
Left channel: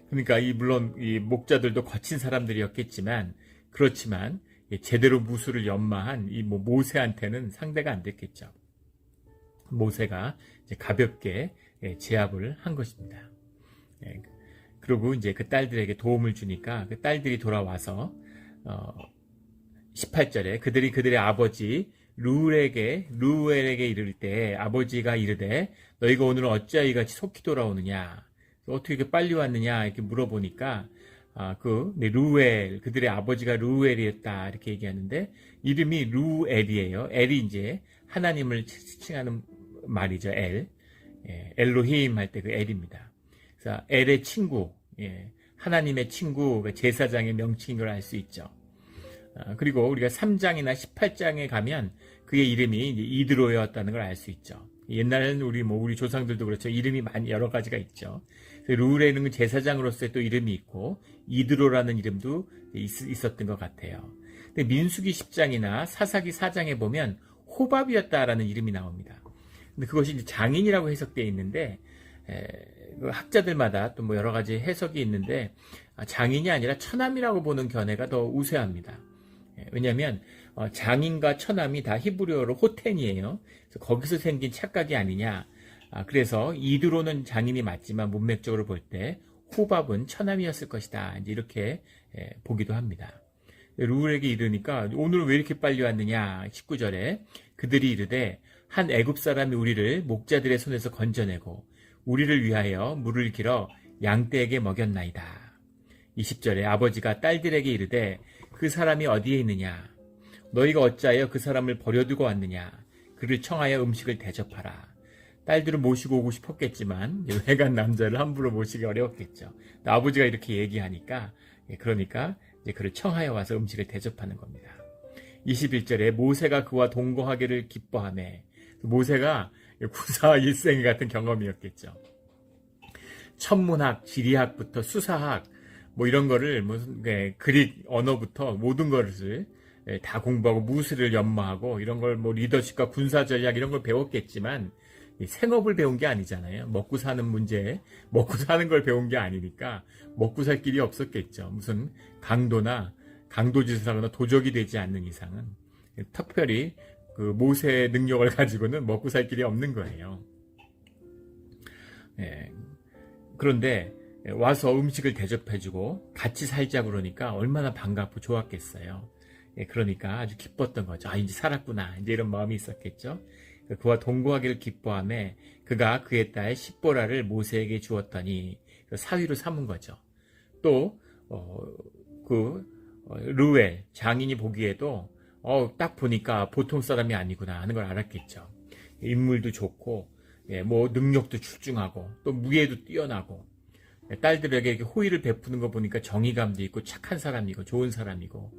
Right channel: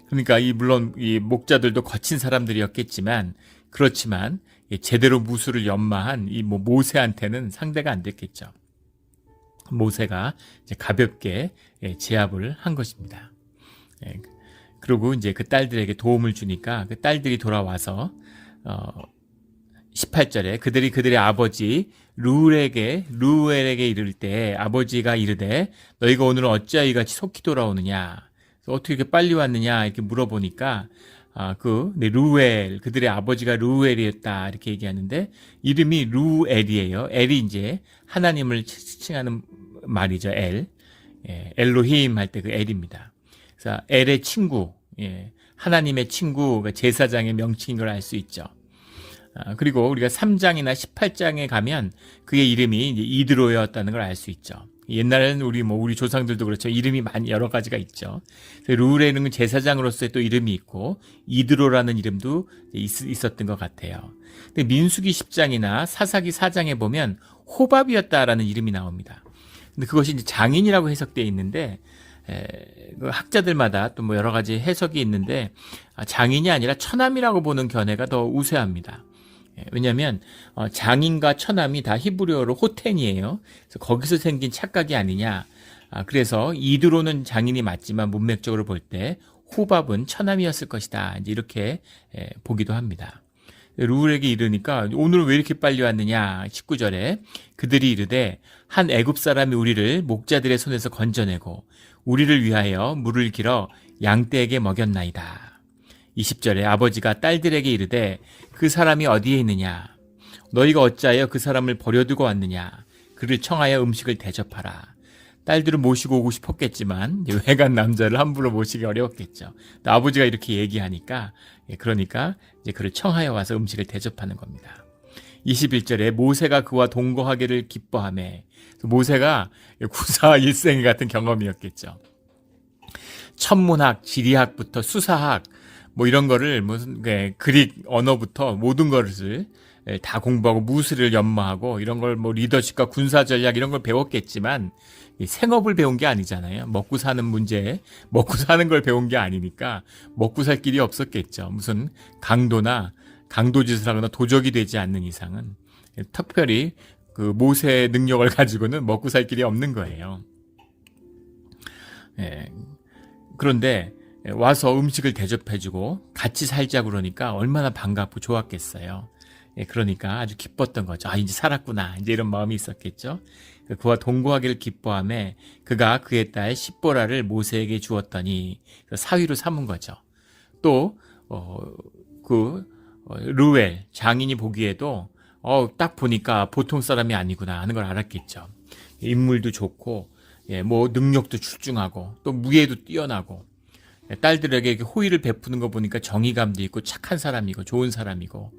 그러니까 물론 이 목자들도 거친 사람들이었겠지만, 그렇지만 제대로 무술을 연마한 이 모세한테는 상대가 안 됐겠죠. 모세가 이제 가볍게 제압을 한 것입니다. 그리고 이제 그 딸들에게 도움을 주니까 그 딸들이 돌아와서 18절에 그들의 아버지 루엘에게 이를 때 아버지가 이르되 너희가 오늘은 어찌하여 이같이 속히 돌아오느냐, 어떻게 이렇게 빨리 왔느냐 이렇게 물어보니까 루엘, 그들의 아버지가 루엘이었다 이렇게 얘기하는데, 이름이 루엘이에요. 엘이 이제 하나님을 칭하는 말이죠. 엘로힘 할 때 그 엘입니다. 그래서 엘의 친구, 하나님의 친구, 제사장의 명칭인 걸 알 수 있죠. 그리고 우리가 3장이나 18장에 가면 그의 이름이 이제 이드로였다는 걸 알 수 있죠. 옛날에는 우리 조상들도 그렇죠. 이름이 여러 가지가 있죠. 루엘은 제사장으로서의 또 이름이 있고, 이드로라는 이름도 있었던 것 같아요. 근데 민수기 10장이나 사사기 4장에 보면 호밥이었다라는 이름이 나옵니다. 근데 그것이 이제 장인이라고 해석되어 있는데, 학자들마다 또 여러 가지 해석이 있는데, 장인이 아니라 처남이라고 보는 견해가 더 우세합니다. 왜냐하면 장인과 처남이 다 히브리어로 호텐이에요. 그래서 거기서 생긴 착각이 아니냐. 그래서 이드로는 장인이 맞지만 문맥적으로 볼 때 호밥은 처남이었을 것이다, 이제 이렇게 보기도 합니다. 루엘에게 이르니까 오늘 왜 이렇게 빨리 왔느냐. 19절에 그들이 이르되 한 애굽 사람이 우리를 목자들의 손에서 건져내고 우리를 위하여 물을 길어 양떼에게 먹였나이다. 20절에 아버지가 딸들에게 이르되 그 사람이 어디에 있느냐, 너희가 어찌하여 그 사람을 버려두고 왔느냐, 그를 청하여 음식을 대접하라. 딸들을 모시고 오고 싶었겠지만 외간 남자를 함부로 모시기 어려웠겠죠. 아버지가 이렇게 얘기하니까, 그러니까 이제 그를 청하여 와서 음식을 대접하는 겁니다. 21절에 모세가 그와 동거하기를 기뻐하매, 모세가 구사일생 같은 경험이었겠죠. 천문학, 지리학부터 수사학, 이런 거를 그릭 언어부터 모든 것을 다 공부하고 무술을 연마하고 이런 걸 리더십과 군사 전략 이런 걸 배웠겠지만, 생업을 배운 게 아니잖아요. 먹고 사는 문제, 먹고 사는 걸 배운 게 아니니까 먹고 살 길이 없었겠죠. 무슨 강도짓을 하거나 도적이 되지 않는 이상은 특별히 그 모세의 능력을 가지고는 먹고 살 길이 없는 거예요. 그런데 와서 음식을 대접해주고 같이 살자고 그러니까 얼마나 반갑고 좋았겠어요. 그러니까 아주 기뻤던 거죠. 이제 살았구나, 이제 이런 마음이 있었겠죠. 그와 동거하기를 기뻐하며 그가 그의 딸 십보라를 모세에게 주었더니 사위로 삼은 거죠. 또 루엘 장인이 보기에도 딱 보니까 보통 사람이 아니구나 하는 걸 알았겠죠. 인물도 좋고, 능력도 출중하고, 또 무예도 뛰어나고, 딸들에게 호의를 베푸는 거 보니까 정의감도 있고 착한 사람이고 좋은 사람이고,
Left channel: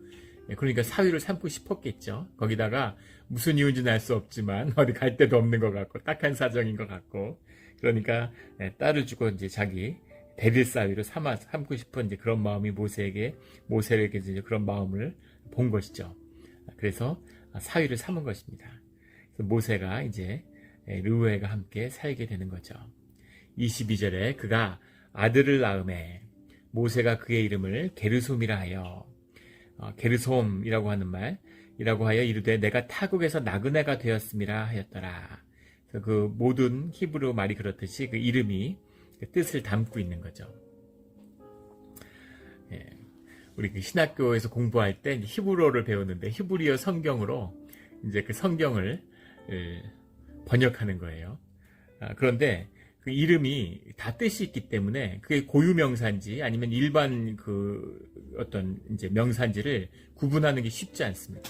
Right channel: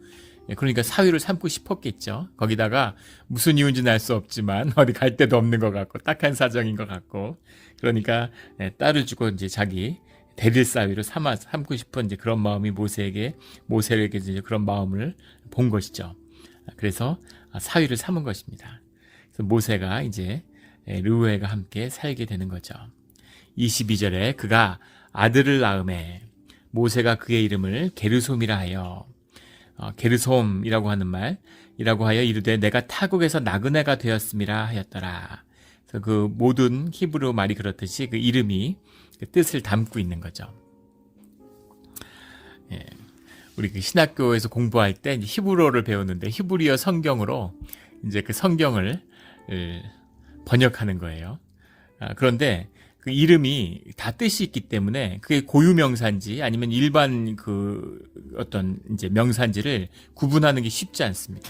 그러니까 사위를 삼고 싶었겠죠. 거기다가 무슨 이유인지는 알 수 없지만 어디 갈 데도 없는 것 같고 딱한 사정인 것 같고, 그러니까 딸을 주고 이제 자기 대릴 사위로 삼고 싶은 이제 그런 마음이 모세에게 이제 그런 마음을 본 것이죠. 그래서 사위를 삼은 것입니다. 그래서 모세가 이제 르우엘과 함께 살게 되는 거죠. 22절에 그가 아들을 낳음에 모세가 그의 이름을 게르솜이라 하여, 게르솜이라고 하는 말이라고 하여 이르되 내가 타국에서 나그네가 되었음이라 하였더라. 그래서 그 모든 히브리 말이 그렇듯이 그 이름이 그 뜻을 담고 있는 거죠. 우리 그 신학교에서 공부할 때 히브리어를 배우는데 히브리어 성경으로 이제 그 성경을 번역하는 거예요. 그런데 그 이름이 다 뜻이 있기 때문에 그게 고유 명사인지 아니면 일반 그 어떤 이제 명사인지를 구분하는 게 쉽지 않습니다.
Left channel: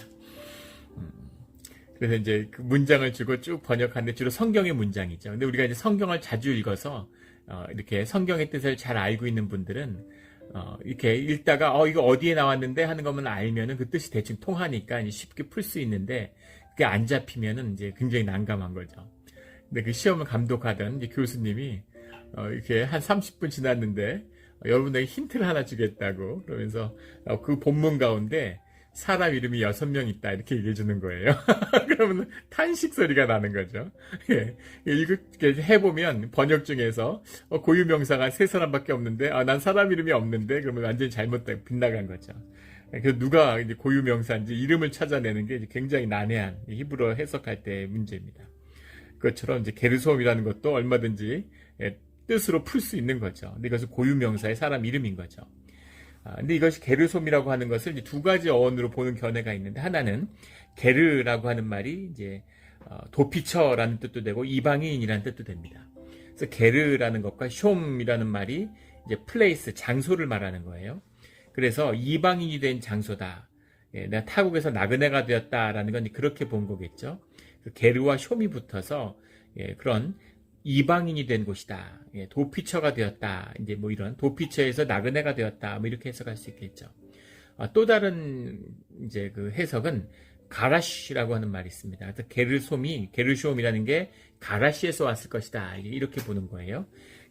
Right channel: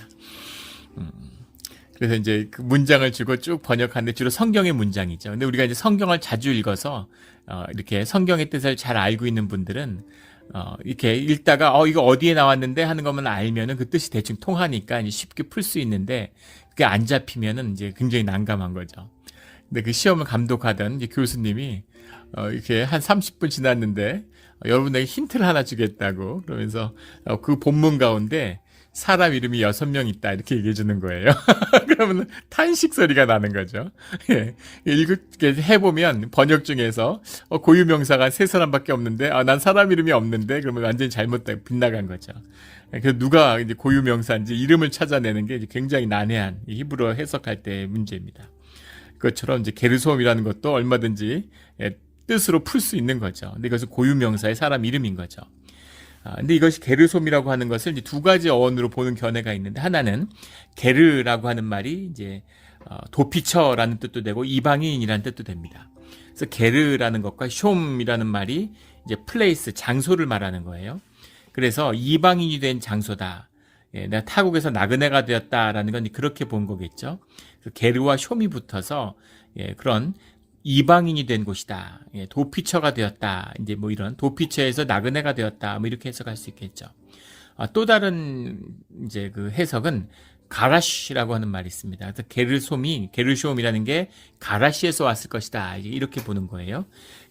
그래서 이제 그 문장을 주고 쭉 번역하는데 주로 성경의 문장이죠. 근데 우리가 이제 성경을 자주 읽어서 이렇게 성경의 뜻을 잘 알고 있는 분들은 이렇게 읽다가 이거 어디에 나왔는데 하는 것만 알면은 그 뜻이 대충 통하니까 이제 쉽게 풀 수 있는데 그게 안 잡히면은 이제 굉장히 난감한 거죠. 근데 그 시험을 감독하던 이제 교수님이 이렇게 한 30분 지났는데 여러분에게 힌트를 하나 주겠다고 그러면서 그 본문 가운데 사람 이름이 6명 있다 이렇게 얘기해 주는 거예요. 그러면 탄식 소리가 나는 거죠. 예. 이렇게 해보면 번역 중에서 고유 명사가 3사람밖에 없는데 난 사람 이름이 없는데 그러면 완전히 잘못된 빗나간 거죠. 그래서 누가 이제 고유 명사인지 이름을 찾아내는 게 굉장히 난해한 히브리어 해석할 때의 문제입니다. 그것처럼 이제 게르솜이라는 것도 얼마든지 뜻으로 풀 수 있는 거죠. 근데 이것은 고유 명사의 사람 이름인 거죠. 근데 이것이 게르솜이라고 하는 것을 이제 두 가지 어원으로 보는 견해가 있는데 하나는 게르라고 하는 말이 이제 도피처라는 뜻도 되고 이방인이라는 뜻도 됩니다. 그래서 게르라는 것과 숑이라는 말이 이제 플레이스 장소를 말하는 거예요. 그래서 이방인이 된 장소다. 내가 타국에서 나그네가 되었다라는 건 그렇게 본 거겠죠. 게르와 숑이 붙어서 그런 이방인이 된 곳이다. 도피처가 되었다. 이제 뭐 이런 도피처에서 나그네가 되었다. 뭐 이렇게 해석할 수 있겠죠. 또 다른 이제 그 해석은 가라시라고 하는 말이 있습니다. 그래서 게르솜이라는 게 가라시에서 왔을 것이다. 이렇게 보는 거예요.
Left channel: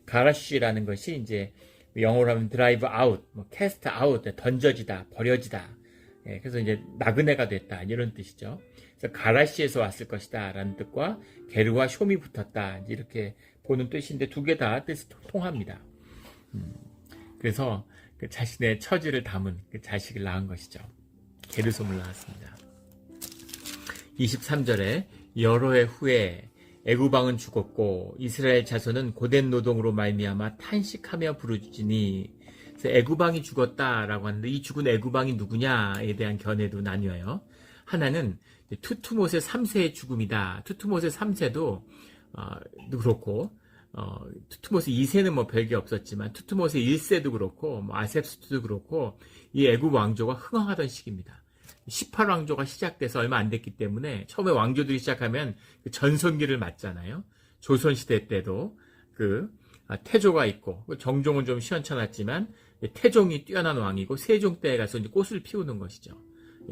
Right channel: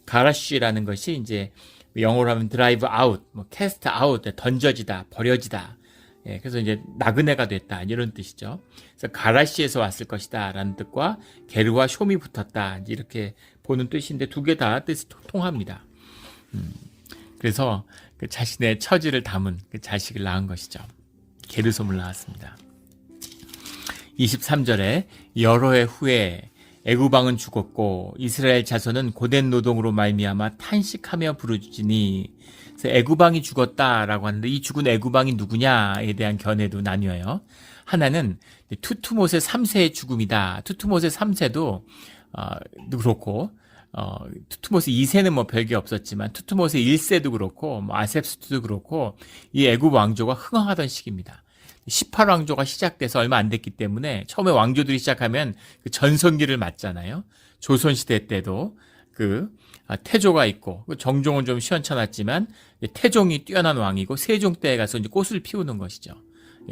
가라시라는 것이 이제 영어로 하면 드라이브 아웃, 뭐 캐스트 아웃, 던져지다, 버려지다. 그래서 이제 나그네가 됐다 이런 뜻이죠. 그래서 가라시에서 왔을 것이다 라는 뜻과 게르와 숑이 붙었다 이렇게 보는 뜻인데 두 개 다 뜻이 통합니다. 그래서 그 자신의 처지를 담은 그 자식을 낳은 것이죠. 게르솜을 낳았습니다. 23절에 여러 해 후에 애굽왕은 죽었고 이스라엘 자손은 고된 노동으로 말미암아 탄식하며 부르짖으니 애굽왕이 죽었다라고 하는데 이 죽은 애굽왕이 누구냐에 대한 견해도 나뉘어요. 하나는 투투모세 3세의 죽음이다. 투투모세 3세도 그렇고 투투모세 2세는 뭐 별게 없었지만 투투모세 1세도 그렇고 뭐 아셉스도 그렇고 이 애굽 왕조가 흥황하던 시기입니다. 18왕조가 시작돼서 얼마 안 됐기 때문에 처음에 왕조들이 시작하면 그 전성기를 맞잖아요. 조선시대 때도 그 태조가 있고 정종은 좀 시원찮았지만 태종이 뛰어난 왕이고 세종 때에 가서 이제 꽃을 피우는 것이죠.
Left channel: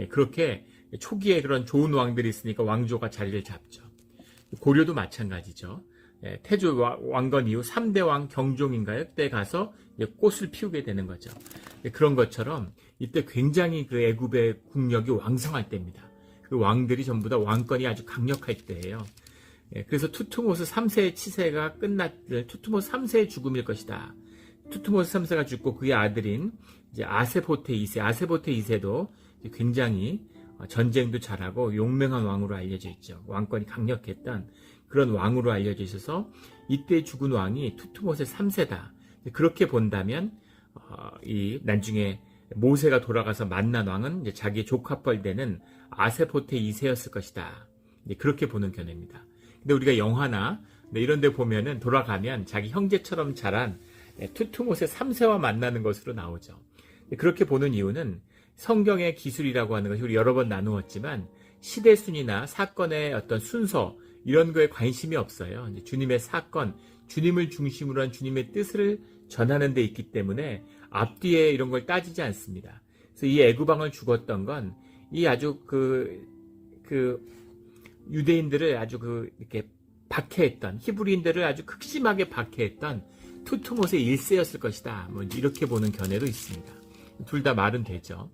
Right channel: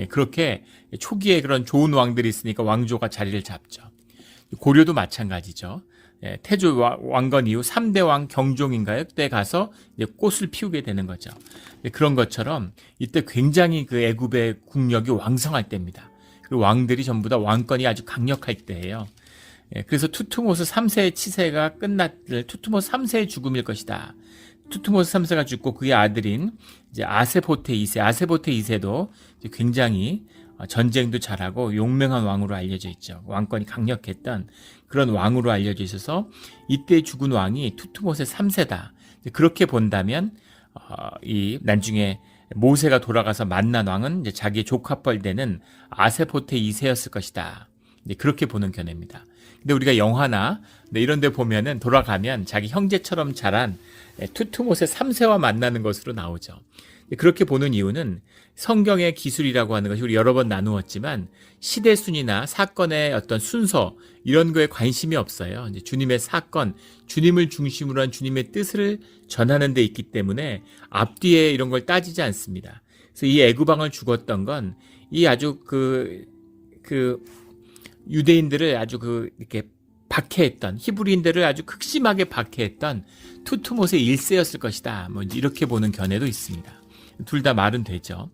그렇게 초기에 그런 좋은 왕들이 있으니까 왕조가 자리를 잡죠. 고려도 마찬가지죠. 태조 왕건 이후 3대 왕 경종인가요? 그때 가서 이제 꽃을 피우게 되는 거죠. 그런 것처럼 이때 굉장히 그 애굽의 국력이 왕성할 때입니다. 그 왕들이 전부 다 왕권이 아주 강력할 때예요. 그래서 투투모스 3세의 치세가 투투모스 3세의 죽음일 것이다. 투투모스 3세가 죽고 그의 아들인 이제 아세포테 2세도 굉장히 전쟁도 잘하고 용맹한 왕으로 알려져 있죠. 왕권이 강력했던 그런 왕으로 알려져 있어서 이때 죽은 왕이 투투모세 3세다. 그렇게 본다면 이 나중에 모세가 돌아가서 만난 왕은 이제 자기의 조카뻘 되는 아세포테 2세였을 것이다. 그렇게 보는 견해입니다. 근데 우리가 영화나 이런 데 보면은 돌아가면 자기 형제처럼 자란 투투모세 3세와 만나는 것으로 나오죠. 그렇게 보는 이유는 성경의 기술이라고 하는 것이 우리 여러 번 나누었지만 시대 순위나 사건의 어떤 순서 이런 거에 관심이 없어요. 이제 주님의 사건, 주님을 중심으로 한 주님의 뜻을 전하는 데 있기 때문에 앞뒤에 이런 걸 따지지 않습니다. 그래서 이 애굽왕을 죽었던 건 이 아주 그 유대인들을 아주 이렇게 박해했던 히브리인들을 아주 극심하게 박해했던 투투모세 1세였을 것이다. 뭐 이렇게 보는 견해도 있습니다. 둘 다 말은 되죠.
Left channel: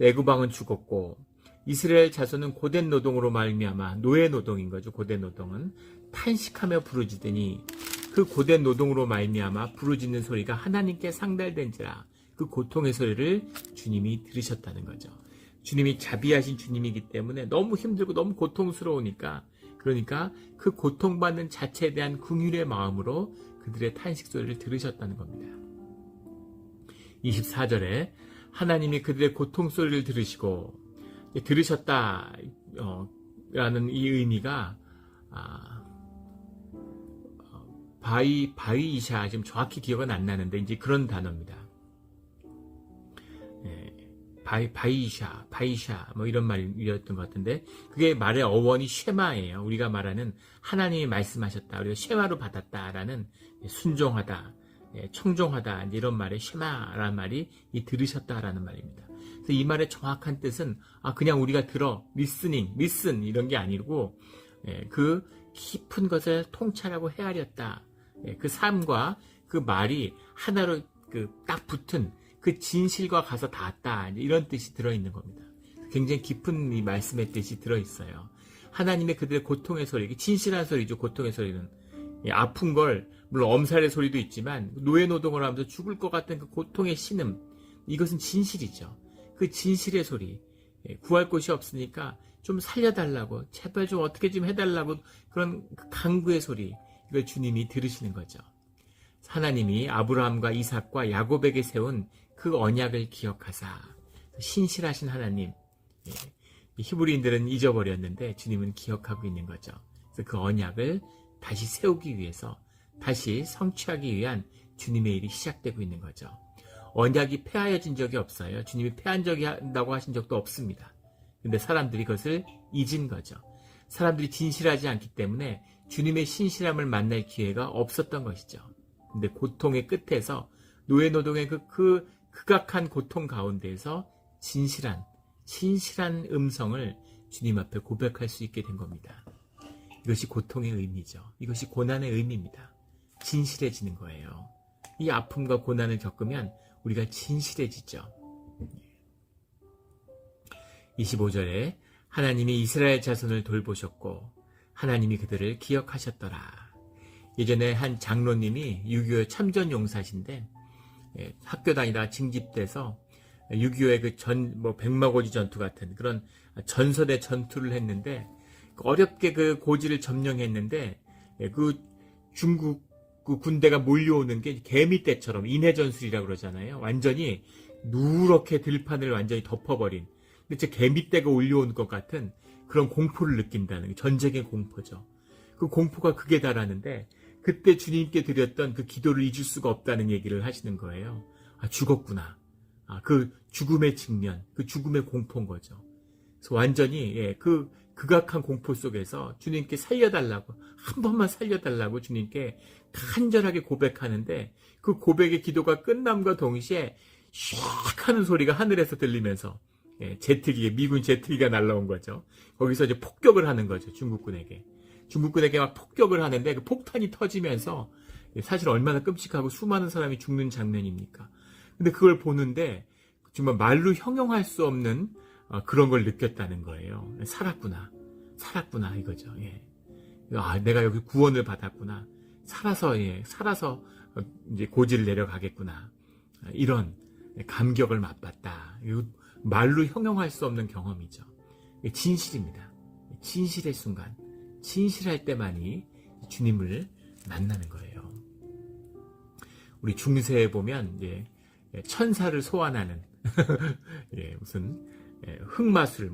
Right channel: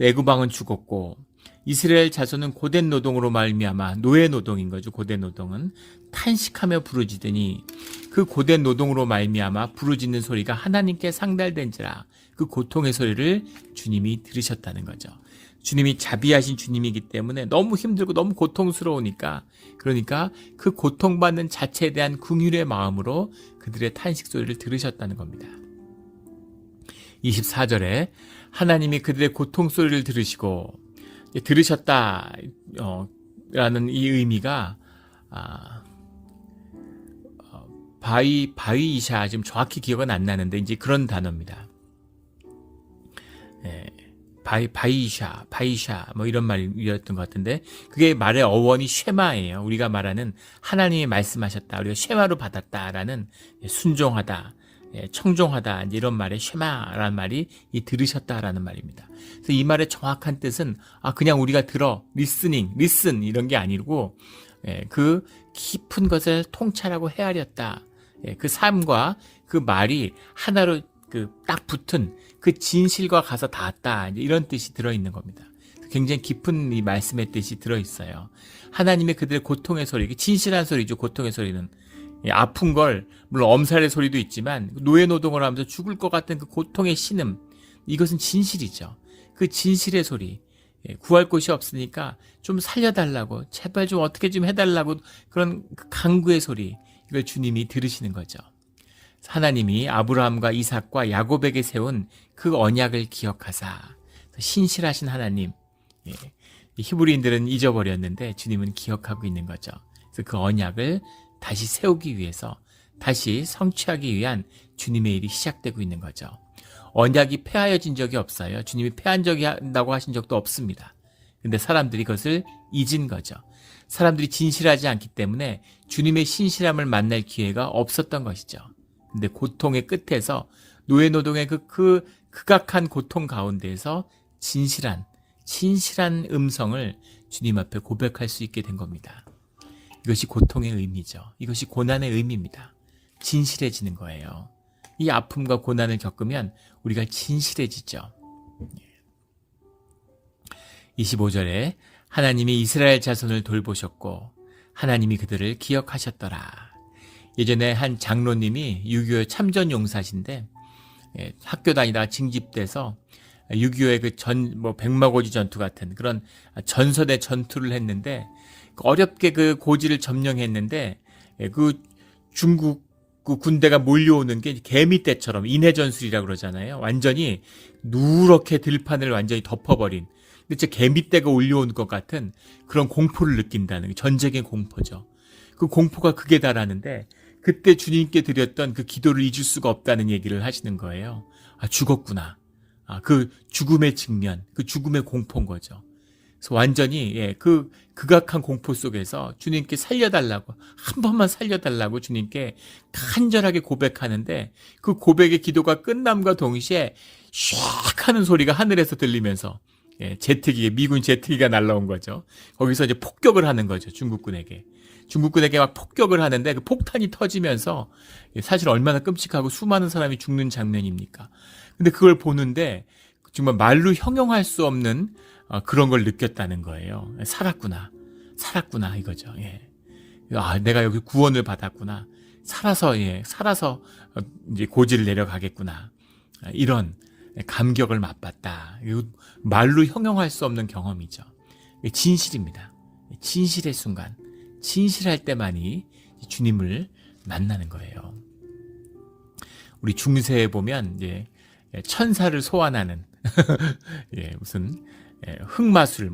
애굽왕은 죽었고 이스라엘 자손은 고된 노동으로 말미암아 노예 노동인 거죠. 고된 노동은 탄식하며 부르짖으니 그 고된 노동으로 말미암아 부르짖는 소리가 하나님께 상달된지라 그 고통의 소리를 주님이 들으셨다는 거죠. 주님이 자비하신 주님이기 때문에 너무 힘들고 너무 고통스러우니까 그러니까 그 고통받는 자체에 대한 긍휼의 마음으로 그들의 탄식 소리를 들으셨다는 겁니다. 24절에 하나님이 그들의 고통 소리를 들으시고 들으셨다 라는 이 의미가 바위이샤, 지금 정확히 기억은 안 나는데 이제 그런 단어입니다. 예, 바이샤 뭐 이런 말이었던 것 같은데, 그게 말의 어원이 쉐마예요. 우리가 말하는 하나님이 말씀하셨다, 우리가 쉐마로 받았다라는, 순종하다, 청종하다, 이제 이런 말에 쉐마라는 말이 이 들으셨다라는 말입니다. 그래서 이 말의 정확한 뜻은 그냥 우리가 들어, 리슨 이런 게 아니고, 그 깊은 것을 통찰하고 헤아렸다. 그 삶과 그 말이 하나로 딱 붙은 그 진실과 가서 닿았다, 이런 뜻이 들어있는 겁니다. 굉장히 깊은 이 말씀의 뜻이 들어있어요. 하나님의 그들의 고통의 소리, 진실한 소리죠. 고통의 소리는 아픈 걸, 물론 엄살의 소리도 있지만 노예노동을 하면서 죽을 것 같은 그 고통의 신음, 이것은 진실이죠. 그 진실의 소리, 구할 곳이 없으니까 좀 살려달라고, 제발 좀 어떻게 좀 해달라고, 그런 간구의 소리, 이걸 주님이 들으시는 거죠. 하나님이 아브라함과 이삭과 야곱에게 세운 그 언약을 기억하사, 신실하신 하나님, 히브리인들은 잊어버렸는데 주님은 기억하고 있는 거죠. 그래서 그 언약을 다시 세우기 위해서, 다시 성취하기 위한 주님의 일이 시작되고 있는 거죠. 언약이 폐하여진 적이 없어요. 주님이 폐한 적이 한다고 하신 적도 없습니다. 근데 사람들이 그것을 잊은 거죠. 사람들이 진실하지 않기 때문에 주님의 신실함을 만날 기회가 없었던 것이죠. 근데 고통의 끝에서, 노예노동의 그 극악한 고통 가운데에서 진실한 음성을 주님 앞에 고백할 수 있게 된 겁니다. 이것이 고통의 의미죠. 이것이 고난의 의미입니다. 진실해지는 거예요. 이 아픔과 고난을 겪으면 우리가 진실해지죠. 25절에 하나님이 이스라엘 자손을 돌보셨고 하나님이 그들을 기억하셨더라. 예전에 한 장로님이 6.25 참전용사신데, 학교 다니다가 징집돼서 6.25의 그 백마고지 전투 같은 그런 전선의 전투를 했는데, 어렵게 그 고지를 점령했는데, 그 중국 그 군대가 몰려오는 게 개미떼처럼, 인해전술이라고 그러잖아요. 완전히 누렇게 들판을 완전히 덮어버린, 진짜 개미떼가 올려온 것 같은 그런 공포를 느낀다는, 전쟁의 공포죠. 그 공포가 극에 달하는데, 그때 주님께 드렸던 그 기도를 잊을 수가 없다는 얘기를 하시는 거예요. 죽었구나. 그 죽음의 직면, 그 죽음의 공포인 거죠. 그래서 완전히 그 극악한 공포 속에서 주님께 살려달라고, 한 번만 살려달라고 주님께 간절하게 고백하는데, 그 고백의 기도가 끝남과 동시에 슉 하는 소리가 하늘에서 들리면서, 미군 제트기가 날라온 거죠. 거기서 이제 폭격을 하는 거죠. 중국군에게 막 폭격을 하는데, 그 폭탄이 터지면서, 사실 얼마나 끔찍하고 수많은 사람이 죽는 장면입니까? 근데 그걸 보는데 정말 말로 형용할 수 없는 그런 걸 느꼈다는 거예요. 살았구나 이거죠. 내가 여기 구원을 받았구나. 살아서 이제 고지를 내려가겠구나. 이런 감격을 맛봤다. 말로 형용할 수 없는 경험이죠. 진실입니다. 진실의 순간, 진실할 때만이 주님을 만나는 거예요. 우리 중세에 보면 이제 천사를 소환하는 무슨 흑마술,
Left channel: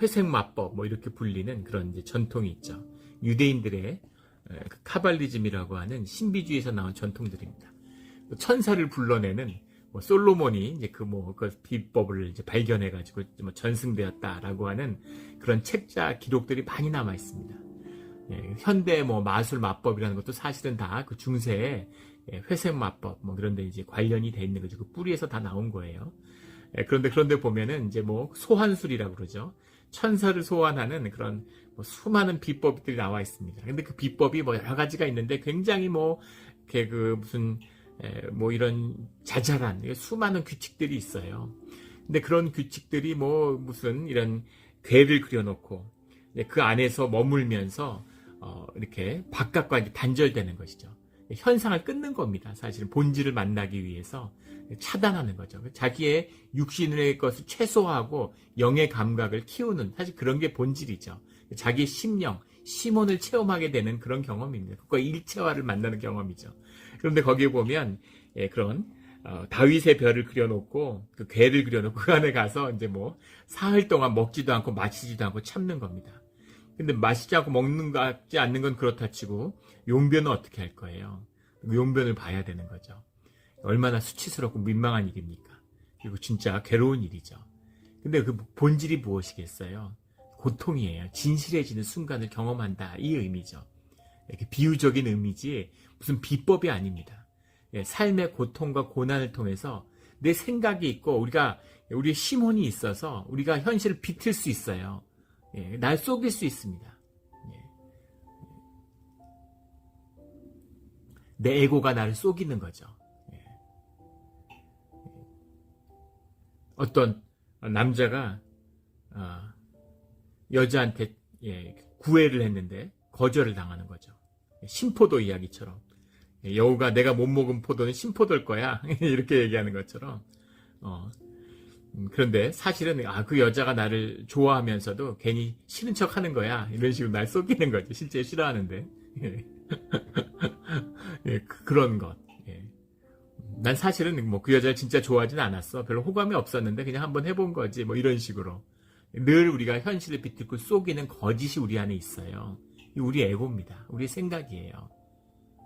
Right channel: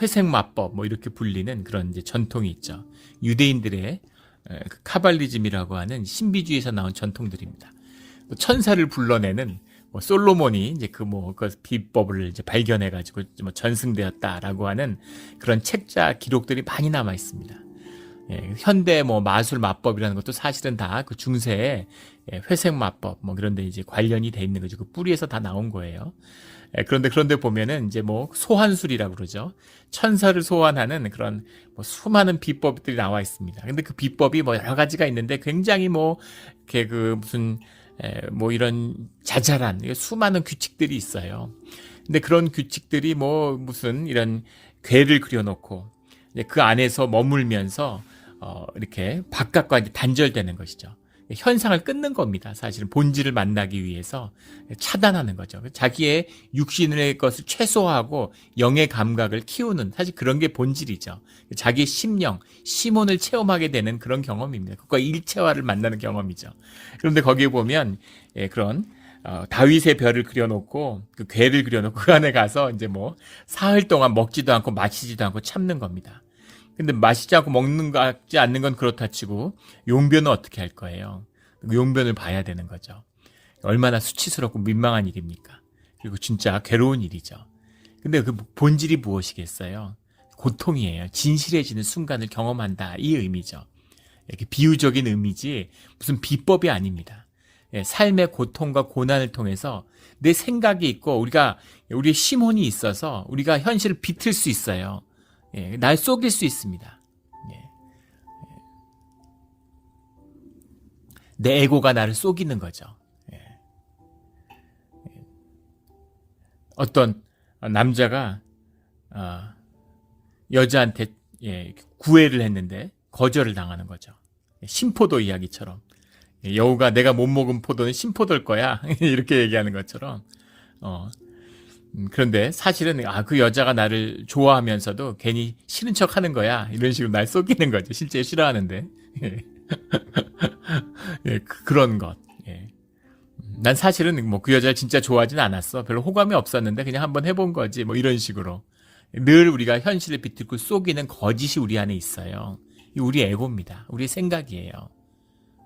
회색마법 이렇게 불리는 그런 이제 전통이 있죠. 유대인들의 카발리즘이라고 하는 신비주의에서 나온 전통들입니다. 천사를 불러내는, 솔로몬이 이제 그 비법을 이제 발견해가지고 전승되었다라고 하는 그런 책자 기록들이 많이 남아 있습니다. 현대 마술 마법이라는 것도 사실은 다 그 중세의 회색 마법 그런데 이제 관련이 돼 있는 거죠. 그 뿌리에서 다 나온 거예요. 그런데 보면은 이제 소환술이라고 그러죠. 천사를 소환하는 그런 수많은 비법들이 나와 있습니다. 근데 그 비법이 여러 가지가 있는데, 굉장히 이렇게 이런 자잘한 수많은 규칙들이 있어요. 근데 그런 규칙들이 무슨 이런 괴를 그려놓고 그 안에서 머물면서 이렇게 바깥과 이제 단절되는 것이죠. 현상을 끊는 겁니다. 사실은 본질을 만나기 위해서 차단하는 거죠. 자기의 육신의 것을 최소화하고 영의 감각을 키우는, 사실 그런 게 본질이죠. 자기의 심혼을 체험하게 되는 그런 경험입니다. 그것과 일체화를 만나는 경험이죠. 그런데 거기에 보면 그런 다윗의 별을 그려놓고 그 괴를 그려놓고 그 안에 가서 이제 사흘 동안 먹지도 않고 마시지도 않고 참는 겁니다. 근데 마시지 않고 먹는 거 같지 않는 건 그렇다 치고 용변은 어떻게 할 거예요? 그 용변을 봐야 되는 거죠. 얼마나 수치스럽고 민망한 일입니까? 그리고 진짜 괴로운 일이죠. 근데 그 본질이 무엇이겠어요? 고통이에요. 진실해지는 순간을 경험한다. 이 의미죠. 이렇게 비유적인 의미지 무슨 비법이 아닙니다. 삶의 고통과 고난을 통해서 내 생각이 있고 우리의 심혼이 있어서 우리가 현실을 비틀 수 있어요. 날 속일 수 있습니다. 내 에고가 나를 속이는 거죠. 어떤 남자가 여자한테 구애를 했는데 거절을 당하는 거죠. 신포도 이야기처럼 여우가 내가 못 먹은 포도는 신포도일 거야 이렇게 얘기하는 것처럼 그런데 사실은 그 여자가 나를 좋아하면서도 괜히 싫은 척 하는 거야 이런 식으로 날 속이는 거죠. 실제 싫어하는데 그런 것. 난 사실은 뭐 그 여자를 진짜 좋아하진 않았어. 별로 호감이 없었는데 그냥 한번 해본 거지. 뭐 이런 식으로 늘 우리가 현실을 비틀고 속이는 거짓이 우리 안에 있어요. 이 우리 에고입니다. 우리 생각이에요.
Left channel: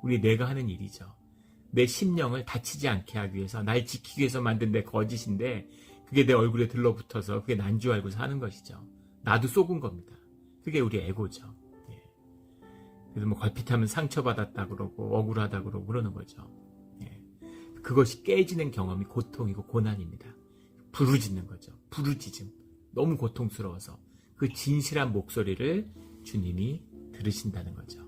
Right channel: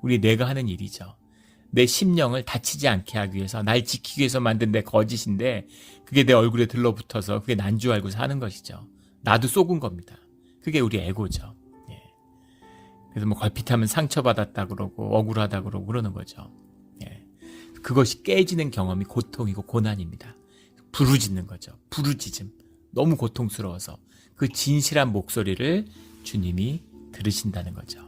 우리 뇌가 하는 일이죠. 내 심령을 다치지 않게 하기 위해서 날 지키기 위해서 만든 내 거짓인데 그게 내 얼굴에 들러붙어서 그게 난 줄 알고 사는 것이죠. 나도 속은 겁니다. 그게 우리 에고죠. 그래서 뭐 걸핏하면 상처받았다 그러고 억울하다 그러고 그러는 거죠. 그것이 깨지는 경험이 고통이고 고난입니다. 부르짖는 거죠. 부르짖음. 너무 고통스러워서 그 진실한 목소리를 주님이 들으신다는 거죠.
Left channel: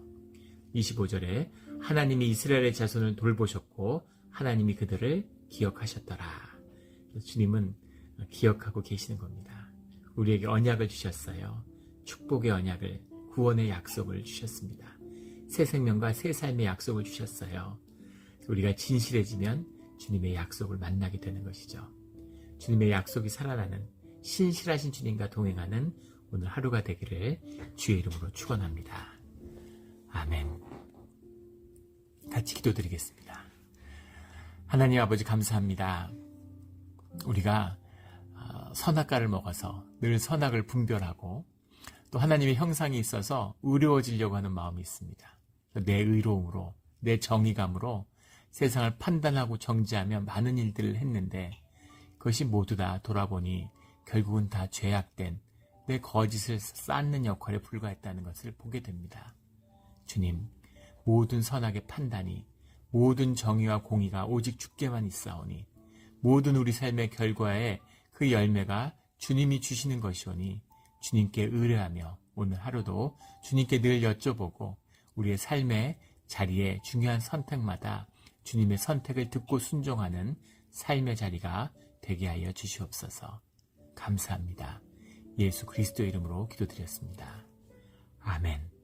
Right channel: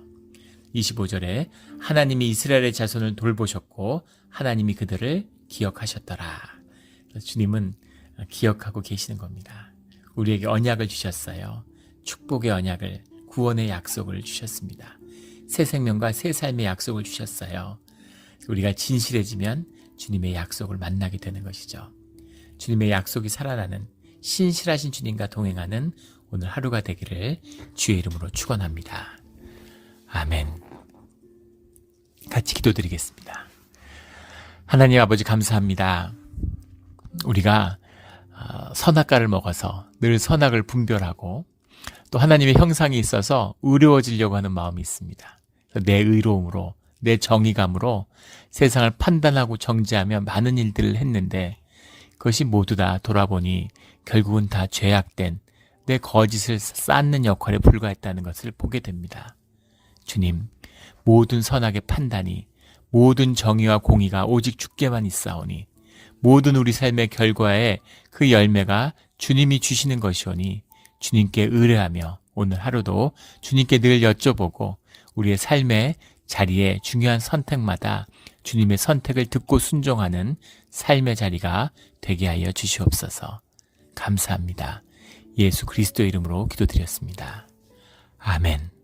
25절에 하나님이 이스라엘의 자손을 돌보셨고 하나님이 그들을 기억하셨더라. 주님은 기억하고 계시는 겁니다. 우리에게 언약을 주셨어요. 축복의 언약을, 구원의 약속을 주셨습니다. 새 생명과 새 삶의 약속을 주셨어요. 우리가 진실해지면 주님의 약속을 만나게 되는 것이죠. 주님의 약속이 살아나는 신실하신 주님과 동행하는 오늘 하루가 되기를 주의 이름으로 축원합니다. 아멘. 같이 기도드리겠습니다. 하나님 아버지 감사합니다. 우리가 선악과를 먹어서 늘 선악을 분별하고 또 하나님의 형상이 있어서 의로워지려고 하는 마음이 있습니다. 내 의로움으로 내 정의감으로 세상을 판단하고 정죄하며 많은 일들을 했는데 그것이 모두 다 돌아보니 결국은 다 죄악된 내 거짓을 쌓는 역할에 불과했다는 것을 보게 됩니다. 주님, 모든 선악의 판단이 모든 정의와 공의가 오직 주께만 있사오니 모든 우리 삶의 결과에 그 열매가 주님이 주시는 것이오니 주님께 의뢰하며 오늘 하루도 주님께 늘 여쭤보고 우리의 삶의 자리에 중요한 선택마다 주님의 선택을 듣고 순종하는 삶의 자리가 되게 하여 주시옵소서. 감사합니다. 예수 그리스도의 이름으로 기도드렸습니다. 아멘.